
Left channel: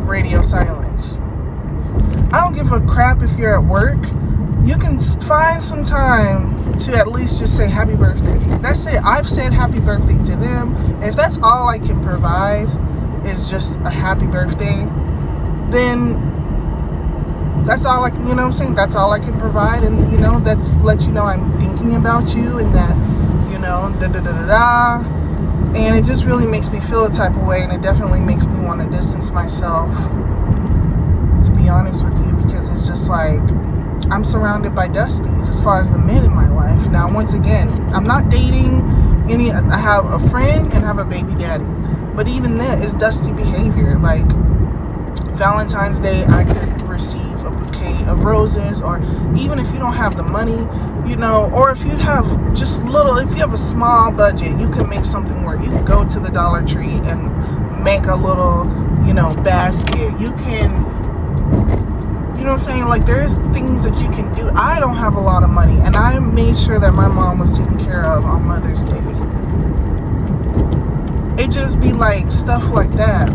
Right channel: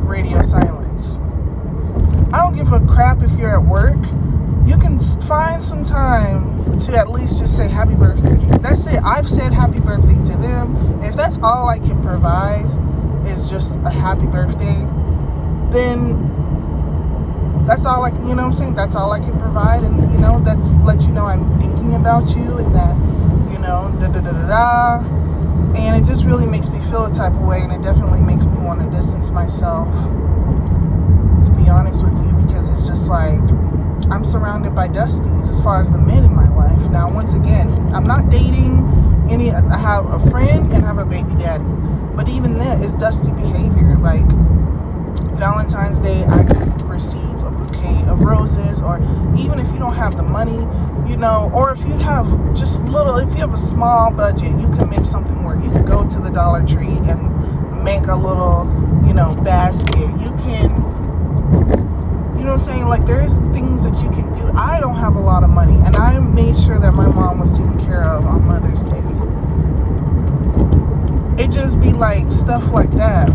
radio silence. I don't give a crap if you're at work. You can find some time to at least just say happy birthday. That's it. I've said happy birthday to them. If that's all I can provide is just a happy birthday, then that's all I can, that's all I can provide, and that's let you know I'm thinking about you, and that, and it just really makes me feel a type of way, and it definitely makes me want to distance myself, to be honest with you, because it's just like, I'm surrounded by dusties as far as the men in my life. Now, once again, I'm not dating any. I have a friend and I have a baby daddy, but even then, it's dusty behavior. Like, Valentine's Day, I could receive a bouquet of roses, or even if you don't have the money, or if you have if you have a small budget, you can make something work. You can go to the Dollar Tree and make a little, basket. You can, what I'm saying? Like, there's things that you can do. I don't have a lot of money, and I made sure that my mom was taken care of on Mother's Day. It just be like stuff like that.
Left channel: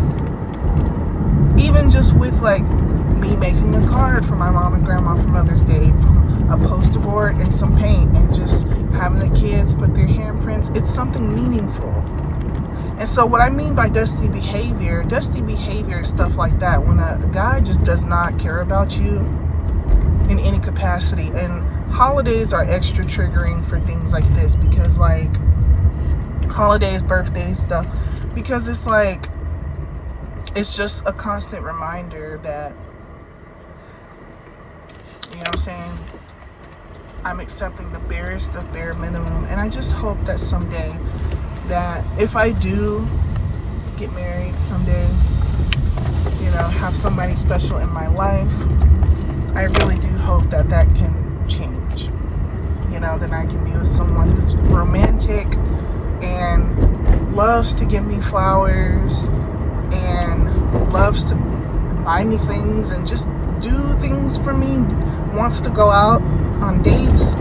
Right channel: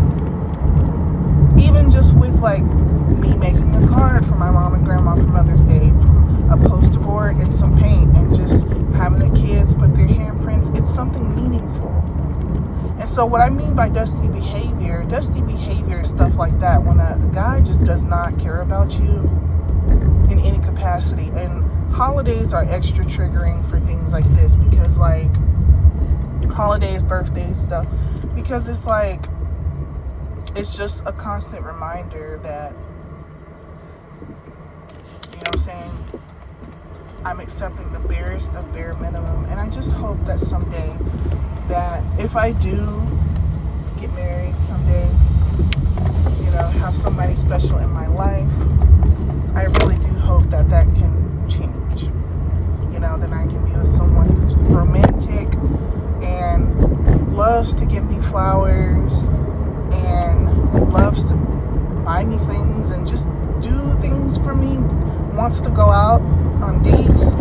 Even just with like me making a card for my mom and grandma for Mother's Day, a poster board and some paint, and just having the kids put their handprints. It's something meaningful. And so what I mean by dusty behavior is stuff like that. When a guy just does not care about you in any capacity. And holidays are extra triggering for things like this, because like holidays, birthdays, stuff, because it's like, it's just a constant reminder that, what I'm saying, I'm accepting the barest of bare minimum. And I just hope that someday, that if I do get married someday, have somebody special in my life, I really do hope that that can change. That I can be with someone who's romantic and loves to give me flowers and loves to buy me things and just do things for me, wants to go out on dates.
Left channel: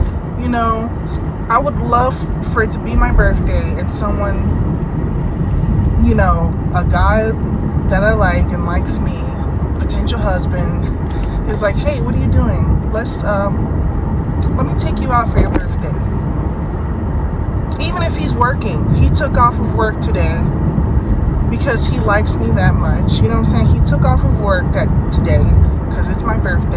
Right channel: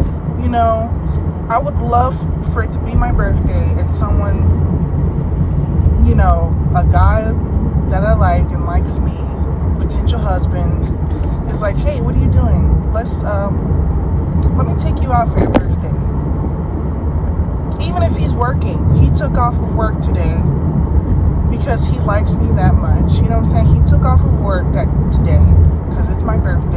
I would love for it to be my birthday and someone you know, a guy that I like and likes me, potential husband, is like, hey, what are you doing? Let me take you out for your birthday. Even if he's working, he took off of work today because he likes me that much. You know what I'm saying? He took off of work today because it's my birthday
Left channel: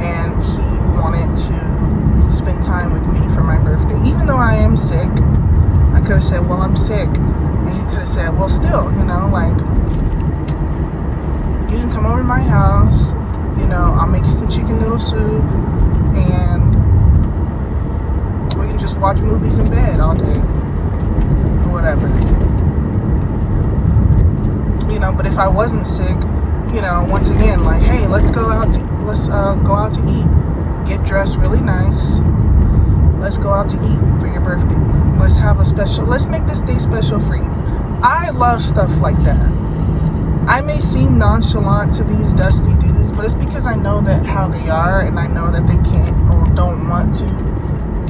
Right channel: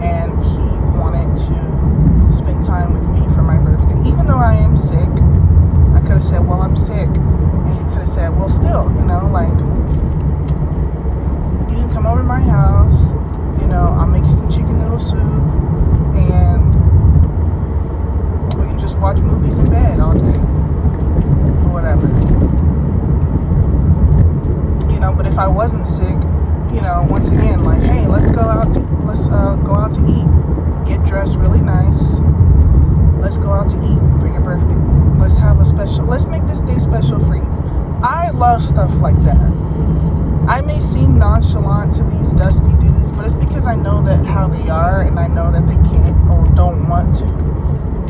and he wanted to spend time with me for my birthday. Even though I am sick, I could have said, well, I'm sick. And he could have said, well, still, you know, like, you can come over to my house, you know, I'll make you some chicken noodle soup, and we can just watch movies in bed all day, or whatever. You know, but if I wasn't sick, you know, once again, like, hey, let's go out to eat, get dressed really nice, let's go out to eat for your birthday, let's make this day special for you. I love stuff like that. I may seem nonchalant to these dusty dudes, but it's because I know that how they are, and I know that they can't or don't want to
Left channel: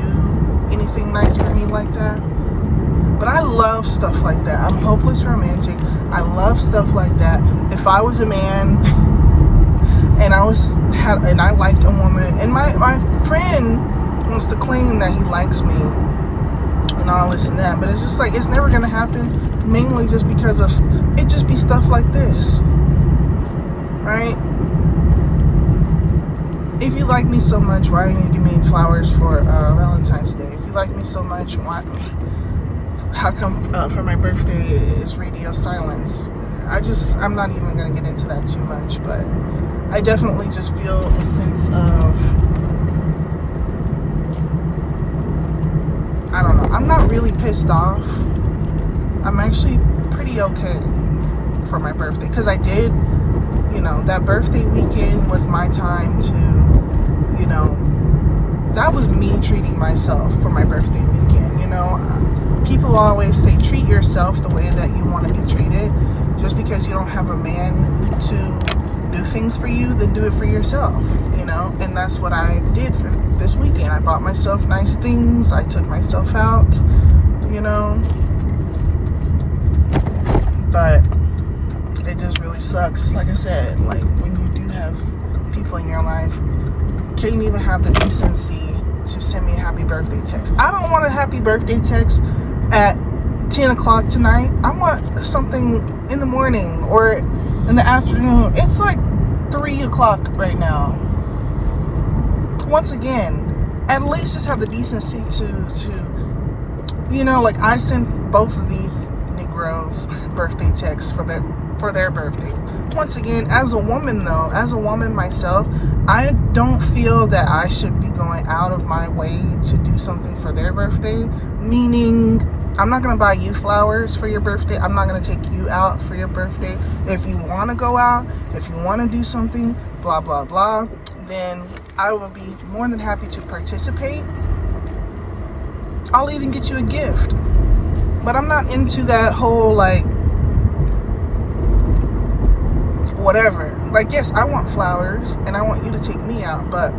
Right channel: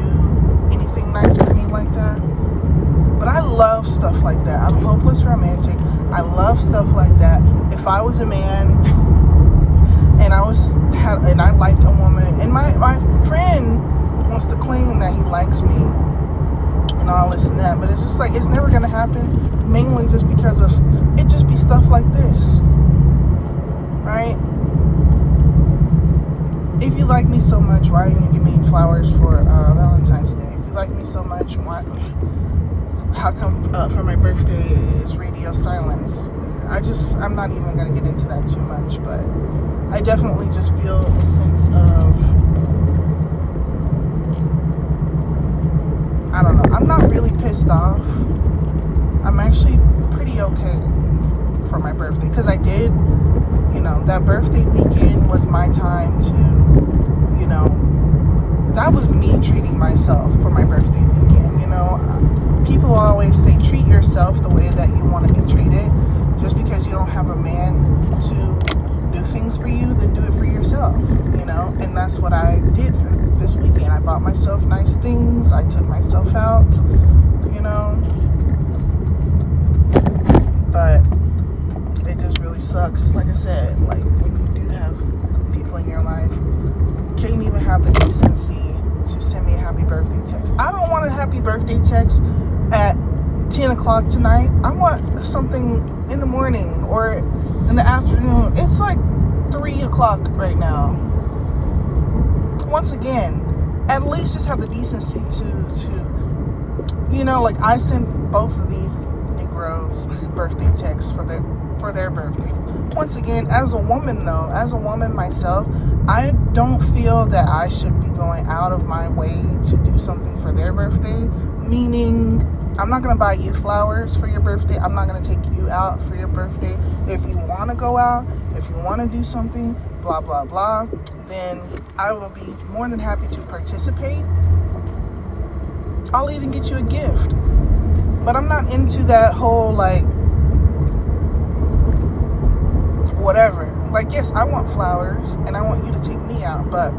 do anything nice for me like that. But I love stuff like that. I'm hopeless romantic. I love stuff like that. If I was a man and I liked a woman, and my friend wants to claim that he likes me and all this and that, but it's just like, it's never gonna happen, mainly just because of it just be stuff like this, right? If you like me so much, why didn't you give me flowers for Valentine's Day? If you like me so much, how come for my birthday it's radio silence? I'm not even gonna get into that too much, but I definitely just feel a sense of, I don't know, I'm not really pissed off. I'm actually pretty okay for my birthday, because I did, you know, that birthday weekend was my time to, you know, that was me treating myself for my birthday weekend. You know, people always say treat yourself the way that you want to be treated. Just because you don't have a man to do things for you, then do it for yourself, you know. And that's what I did for this weekend. I bought myself nice things, I took myself out, you know. But it just really sucks, like I said, like when you do have people in your life, can't even have the decency to send me a happy birthday text. I don't want a happy birthday text at 10 o'clock tonight. I want something in the morning or in the afternoon. It's like 3 o'clock right now. Once again, at least just have the decency to you know, like, I sent both of these Negroes birthday texts for their birthday. Once again, as a woman though, as a woman myself, I don't feel that I should be going out of my way to do something for their birthday. Meaning, I'm not going to buy you flowers for your birthday. I'm not going to take you out for your birthday. If you want to go out, if you want to do something, blah, blah, blah, then I will be more than happy to participate. I'll even get you a gift. But I'm not into that whole, like, whatever. Like, yes, I want flowers and I want you to take me out. But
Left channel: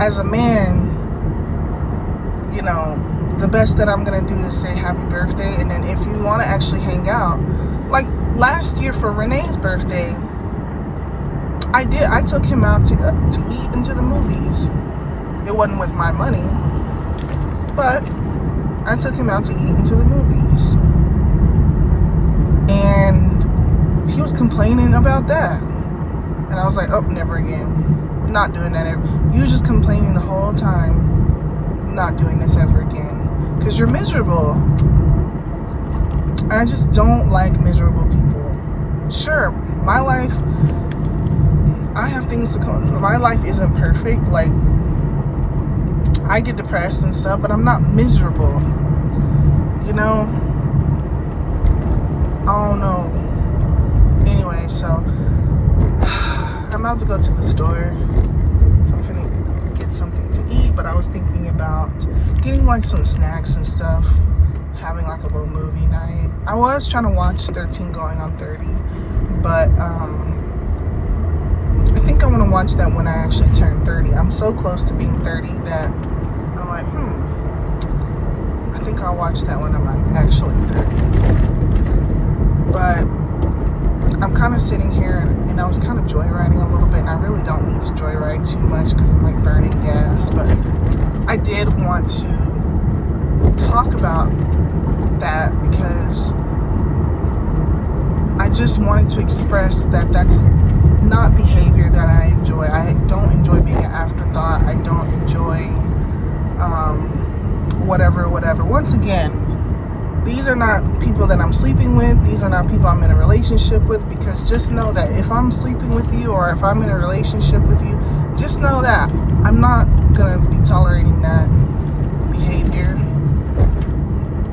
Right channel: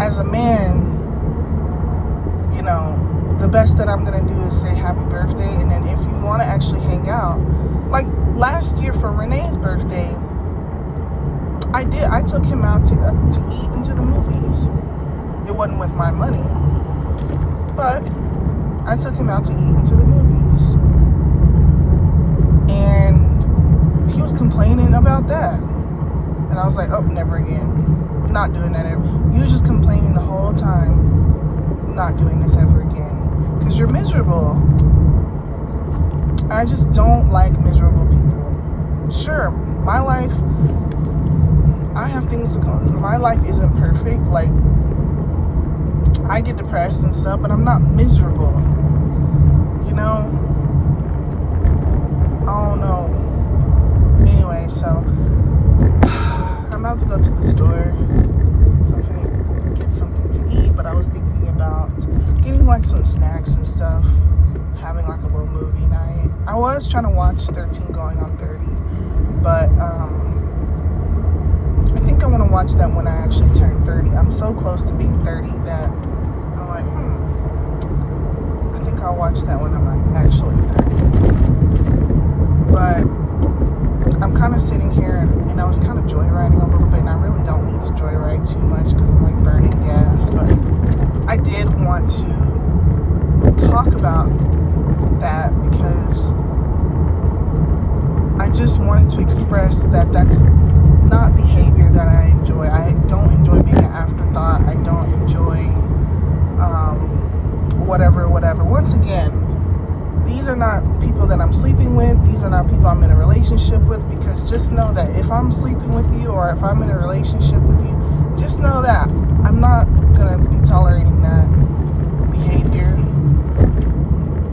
as a man, you know, the best that I'm gonna do is say happy birthday, and then if you want to actually hang out, like last year for Renee's birthday, I took him out to eat into the movies. It wasn't with my money, but I took him out to eat into the movies, and he was complaining about that, and I was like, oh, never again, not doing that. You were just complaining the whole time. Not doing this ever again, because you're miserable. I just don't like miserable people. Sure, my life, I have things to come. My life isn't perfect. Like, I get depressed and stuff, but I'm not miserable. You know? I don't know. Anyway, so I'm about to go to the store. So I'm gonna get something to eat, but I was thinking about getting like some snacks and stuff, having like a little movie night. I was trying to watch 13 Going on 30, but I think I'm gonna watch that when I actually turn 30. I'm so close to being 30 that I'm like, I think I'll watch that when I'm like actually 30. But wanted to express that that's not behavior that I enjoy. I don't enjoy being an afterthought. I don't enjoy whatever. Once again, these are not people that I'm sleeping with. These are not people I'm in a relationship with, because just know that if I'm sleeping with you or if I'm in a relationship with you, just know that I'm not going to be tolerating that behavior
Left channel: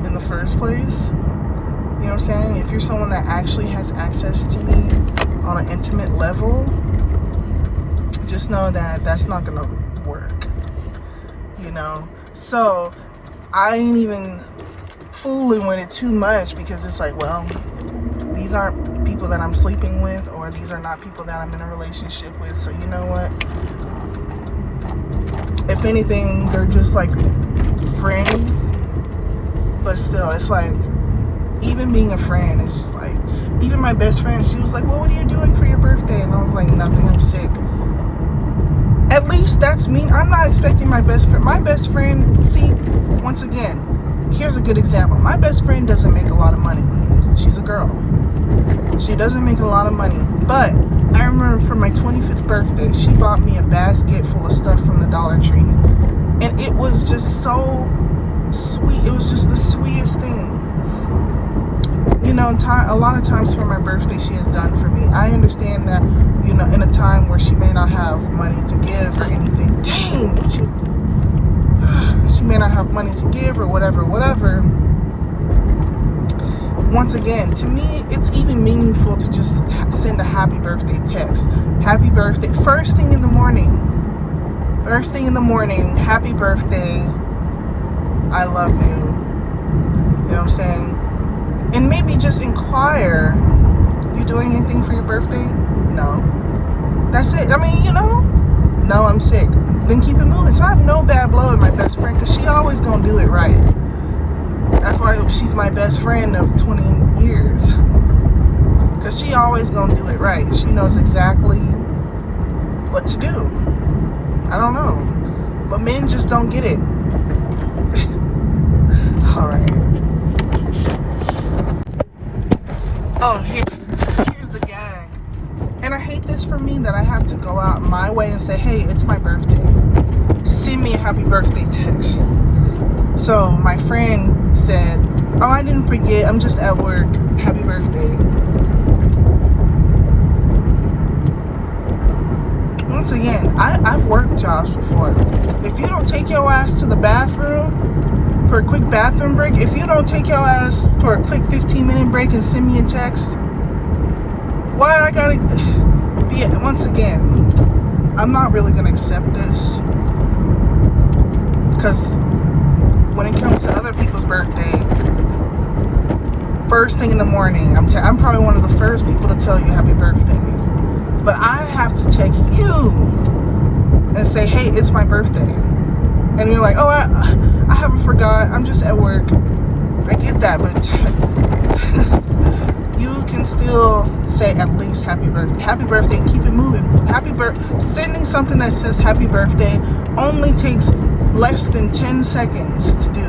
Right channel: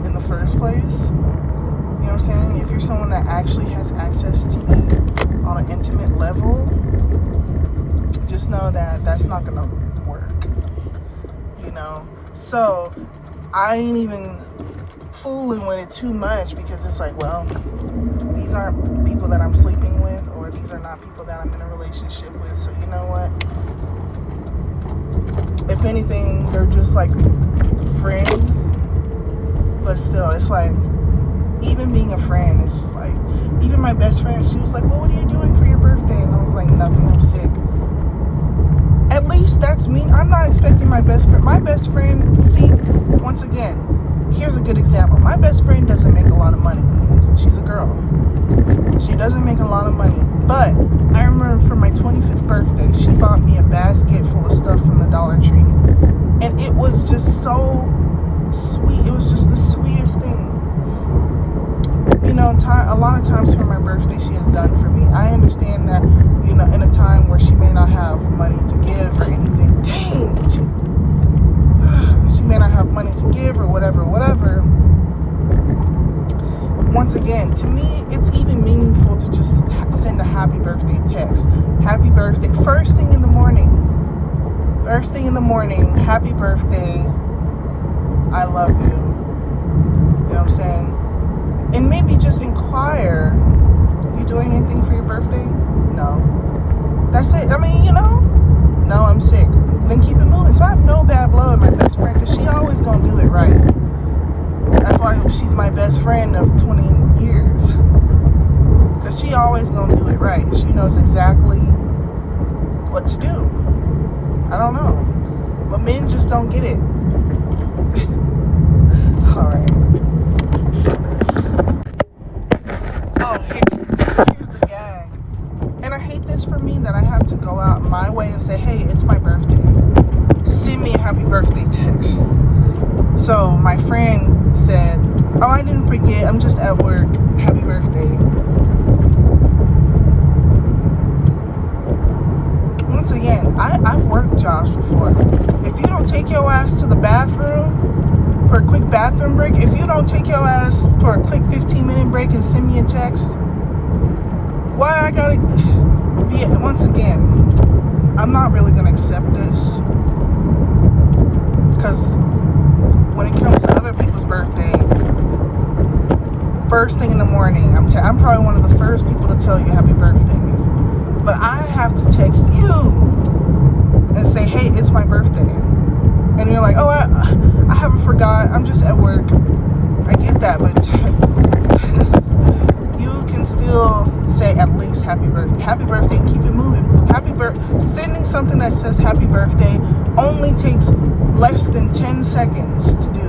in the first place. You know what I'm saying? If you're someone that actually has access to me on an intimate level, just know that that's not going to work. You know? So, I ain't even fooling with it too much, because it's like, well, these aren't people that I'm sleeping with, or these are not people that I'm in a relationship with. So you know what? If anything, they're just like friends. But still, it's like, even being a friend, it's just like, even my best friend, she was like, well, what are you doing for your birthday? And I was like, nothing, I'm sick. At least that's me. I'm not expecting my best friend, see, once again, here's a good example. My best friend doesn't make a lot of money. She's a girl. She doesn't make a lot of money. But I remember for my 25th birthday, she bought me a basket full of stuff from the Dollar Tree. And it was just so sweet. It was just the sweetest thing. You know, a lot of times for my birthday, she has done for me. I understand that, you know, in a time where she may not have money to give or anything. Dang! She may not have money to give or whatever. Once again, to me, it's even meaningful to just send a happy birthday text. Happy birthday. First thing in the morning, happy birthday. I love you. You know what I'm saying? And maybe just inquire, you doing anything for your birthday? No. That's it. I mean, you know, no, I'm sick. Then keep it moving. So I have no bad blood with my best friend, because she always gonna do it right. That's why she's my best friend of 20 years. Because she always gonna do it right. She knows exactly what to do. I don't know. But men just don't get it. Alright. Oh, here's the gag. And I hate this for me, that I have to go out my way and say, hey, it's my birthday. Send me a happy birthday text. So my friend said, oh, I didn't forget, I'm just at work. Happy birthday. Once again, I've worked jobs before. If you don't take your ass to the bathroom for a quick bathroom break, if you don't take your ass for a quick 15-minute break and send me a text, why I gotta be, once again, I'm not really gonna accept this, because when it comes to other people's birthday, first thing in the morning, I'm probably one of the first people to tell you happy birthday, but I have to text you and say, hey, it's my birthday, and you're like, oh, I haven't forgot, I'm just at work. I get that, but you can still say at least happy birthday, and keep it moving. Sending something that says happy birthday only takes less than 10 seconds to do.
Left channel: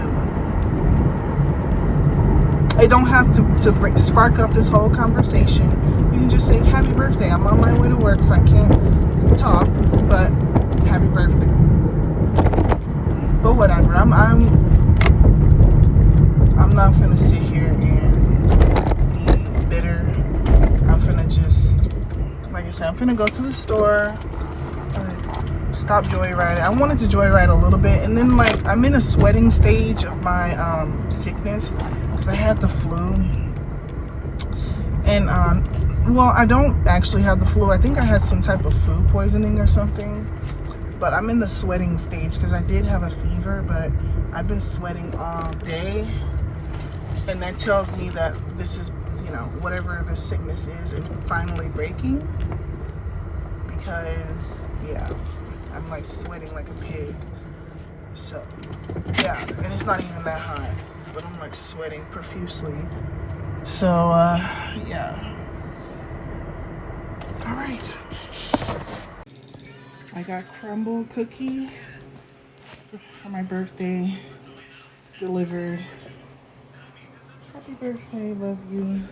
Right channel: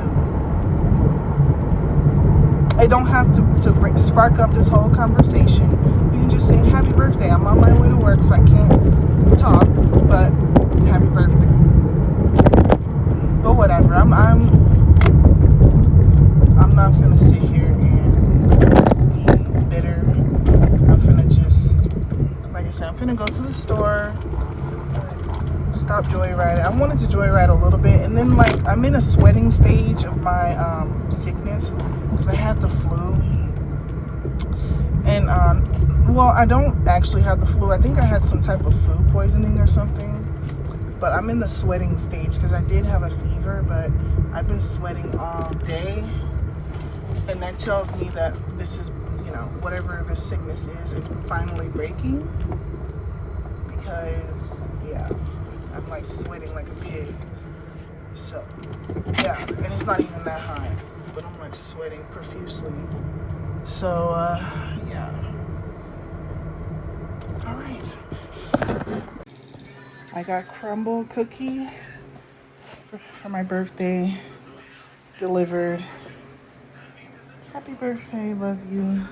I don't have to spark up this whole conversation. You can just say happy birthday. I'm on my way to work, so I can't talk, but happy birthday. But whatever. I'm not gonna sit here and be bitter. I'm gonna just, like I said, I'm gonna go to the store, stop joyriding. I wanted to joyride a little bit, and then like I'm in a sweating stage of my sickness, because I had the flu. And well, I don't actually have the flu. I think I had some type of food poisoning or something. But I'm in the sweating stage, because I did have a fever, but I've been sweating all day. And that tells me that this is, you know, whatever this sickness is finally breaking. Because, yeah, I'm like sweating like a pig. So, yeah, and it's not even that high, but I'm like sweating profusely. So, yeah. All right. I got crumble cookie for my birthday delivered. Happy birthday, love you.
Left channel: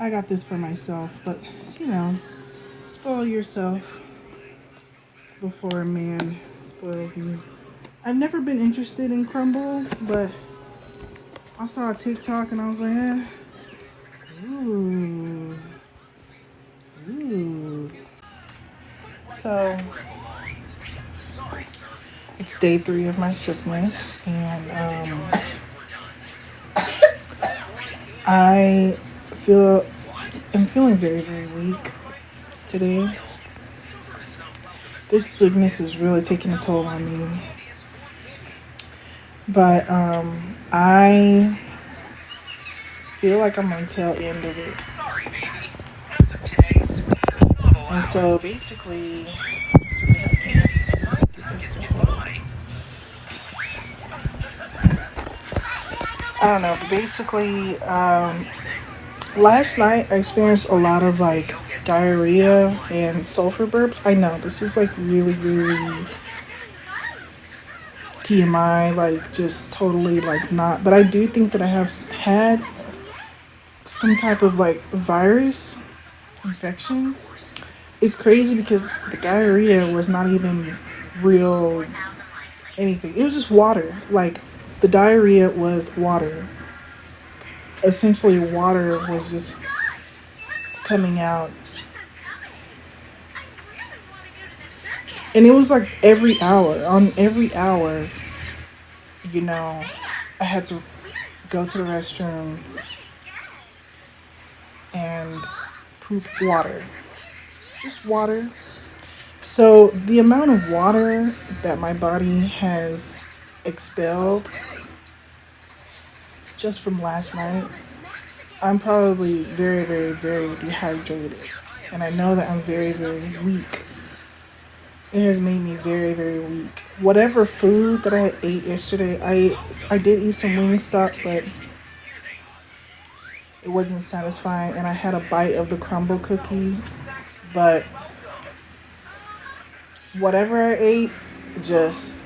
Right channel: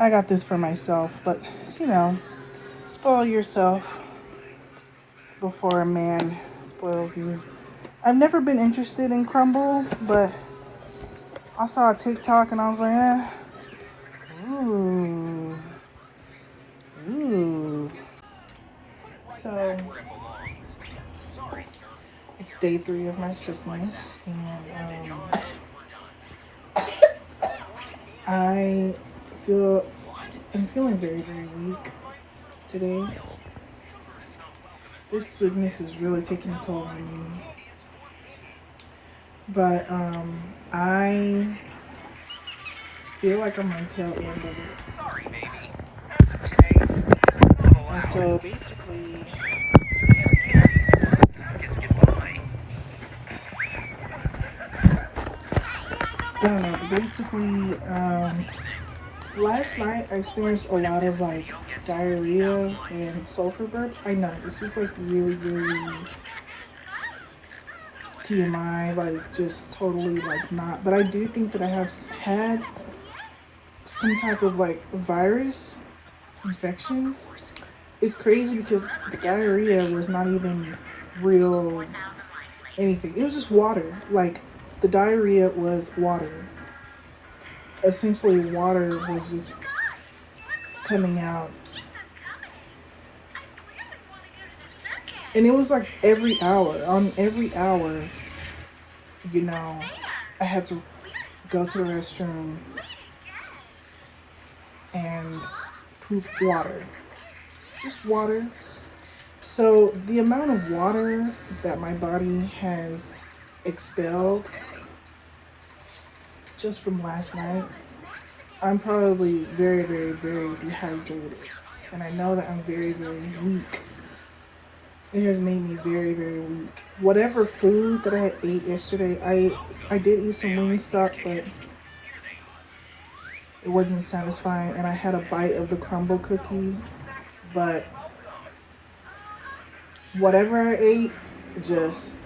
I got this for myself, but you know, spoil yourself before a man spoils you. I've never been interested in crumble, but I saw a TikTok and I was like, ooh, ooh. So it's day 3 of my sickness, and I I'm feeling very, very weak today. This sickness is really taking a toll on me. But I feel like I'm on the tail end of it. And so basically, I don't know, but basically, last night I experienced a lot of like diarrhea and sulfur burps. I know this is like really, really TMI, like just totally like not, but I do think that I have had some type of like virus infection. It's crazy because the diarrhea was not even real anything. It was just water. Like the diarrhea was water. Essentially, water was just coming out. And it was like every hour. On every hour, you know, I had to go to the restroom and poop water. Just water. So the amount of water that my body has expelled just from last night, I'm probably very, very, very dehydrated. And I know that I'm very, very weak. It has made me very, very weak. Whatever food that I ate yesterday, I did eat some Wingstop, but it wasn't satisfying. And I had a bite of the crumble cookie, but whatever I ate just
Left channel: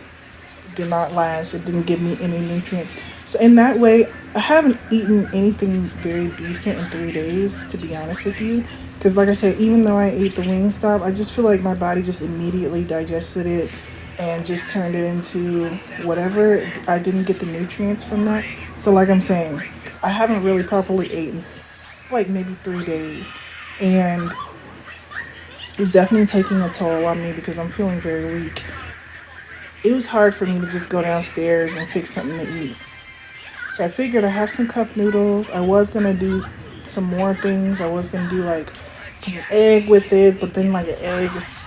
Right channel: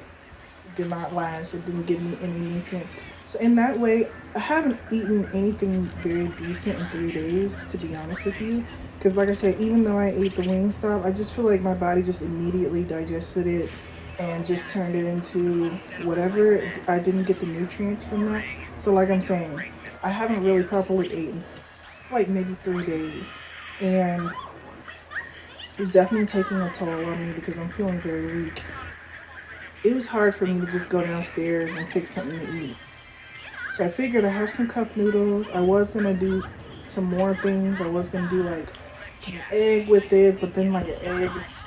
did not last. It didn't give me any nutrients. So in that way, I haven't eaten anything very decent in 3 days, to be honest with you. Because like I said, even though I ate the Wingstop, I just feel like my body just immediately digested it and just turned it into whatever. I didn't get the nutrients from that. So like I'm saying, I haven't really properly eaten like maybe 3 days. And it's definitely taking a toll on me because I'm feeling very weak. It was hard for me to just go downstairs and fix something to eat. So I figured I have some cup noodles. I was gonna do some more things. I was gonna do like an egg with it, but then like an egg is,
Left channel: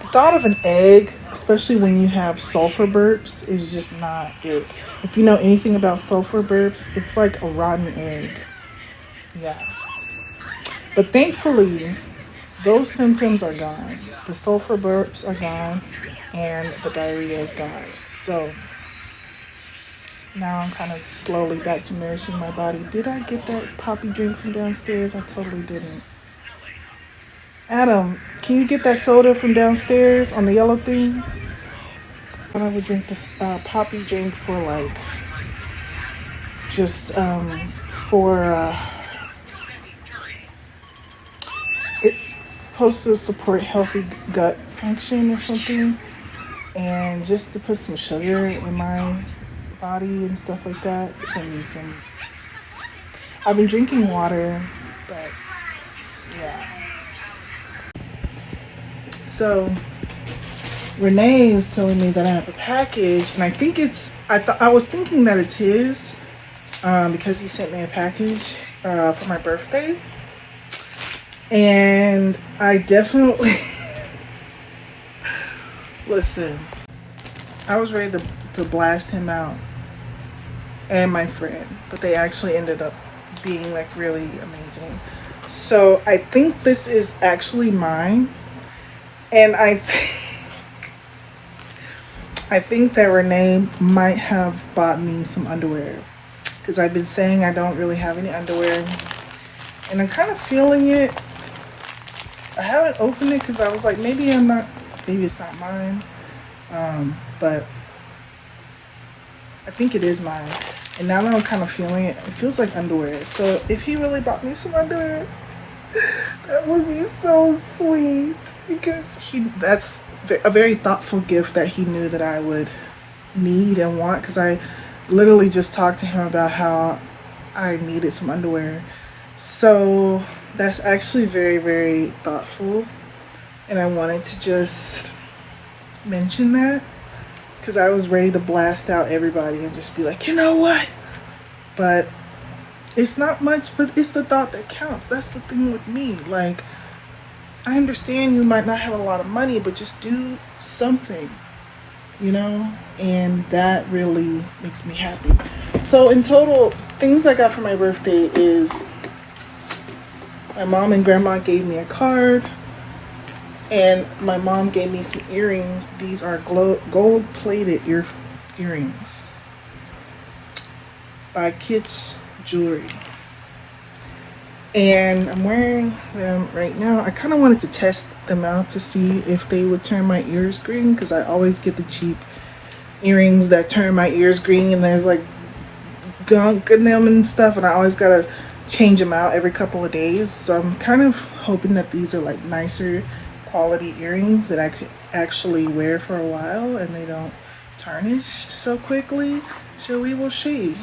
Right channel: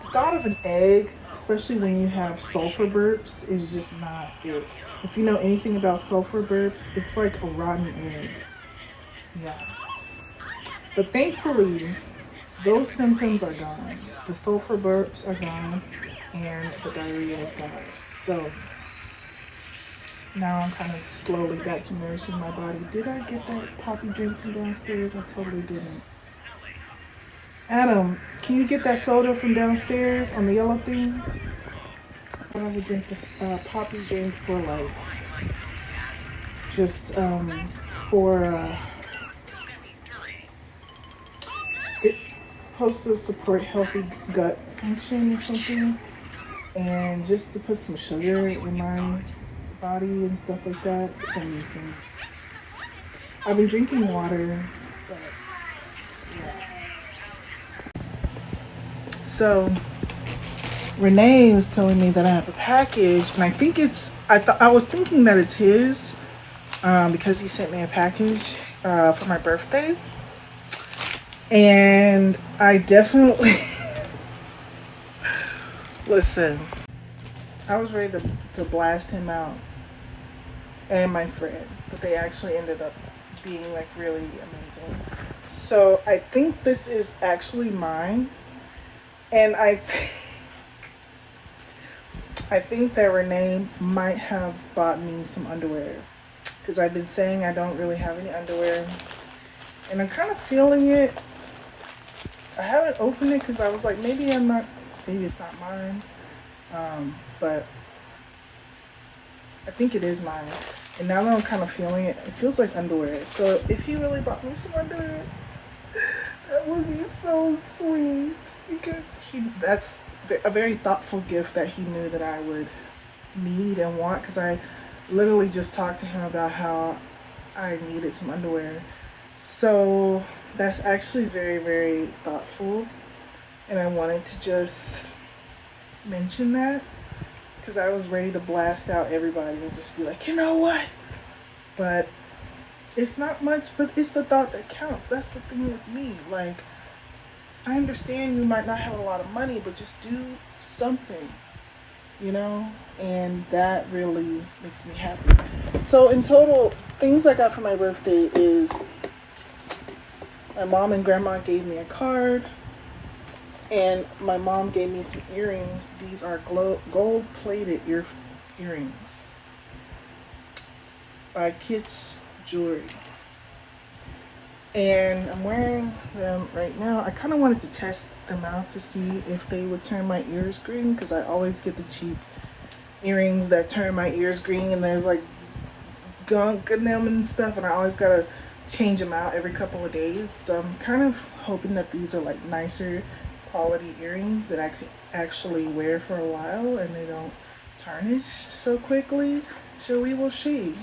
the thought of an egg, especially when you have sulfur burps, is just not it. If you know anything about sulfur burps, it's like a rotten egg. Yeah. But thankfully, those symptoms are gone. The sulfur burps are gone and the diarrhea is gone. So now I'm kind of slowly back to nourishing my body. Did I get that poppy drink from downstairs? I totally didn't. Adam, can you get that soda from downstairs on the yellow thing? I would drink this poppy drink for like, just for, it's supposed to support healthy gut function or something. And just to put some sugar in my body and stuff like that. I've been drinking water, but yeah. So Renee was telling me that I have a package, and I think I was thinking that it's his, because he sent me a package for my birthday. And I definitely listen, I was ready to blast him out and my friend, but they actually ended up being like really amazing. So I think this is actually mine, and I think that Renee might have bought me some underwear, because I've been saying I don't really have any underwear, and I'm kind of feeling it. I haven't opened it because I was like, maybe it's not mine, but I think it is mine. And now that I'm kind of feeling it, it feels like underwear. So if he really bought me some underwear, that would be so sweet, because that's a very thoughtful gift that he knew that I would need and want, because I literally just talked to him about how I needed some underwear. So that's actually very, very thoughtful, and I wanted to just mention that, because I was ready to blast out everybody and just be like, you know what? But it's not much, but it's the thought that counts. That's the thing with me. Like, I understand you might not have a lot of money, but just do something, you know? And that really makes me happy. So in total, things I got for my birthday is my mom and grandma gave me a card, and my mom gave me some earrings. These are gold-plated earrings by Kitsch Jewelry. And I'm wearing them right now. I kind of wanted to test them out to see if they would turn my ears green, because I always get the cheap earrings that turn my ears green, and there's like gunk in them and stuff, and I always gotta change them out every couple of days. So I'm kind of hoping that these are like nicer quality earrings that I could actually wear for a while and they don't tarnish so quickly. So we will see.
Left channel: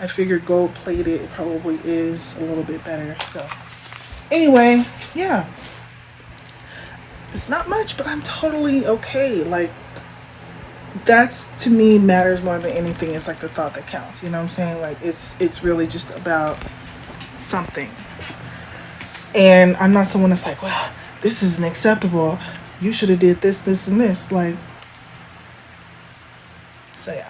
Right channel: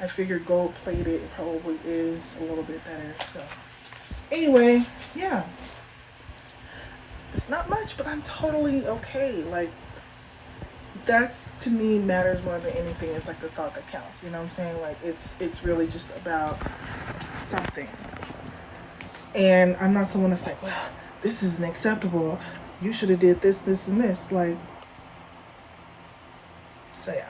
I figured gold plated probably is a little bit better. So anyway, yeah, it's not much, but I'm totally okay. Like, that's, to me, matters more than anything. It's like the thought that counts, you know what I'm saying? Like, it's really just about something. And I'm not someone that's like, well, this isn't acceptable, you should have did this, this, and this. Like, so yeah.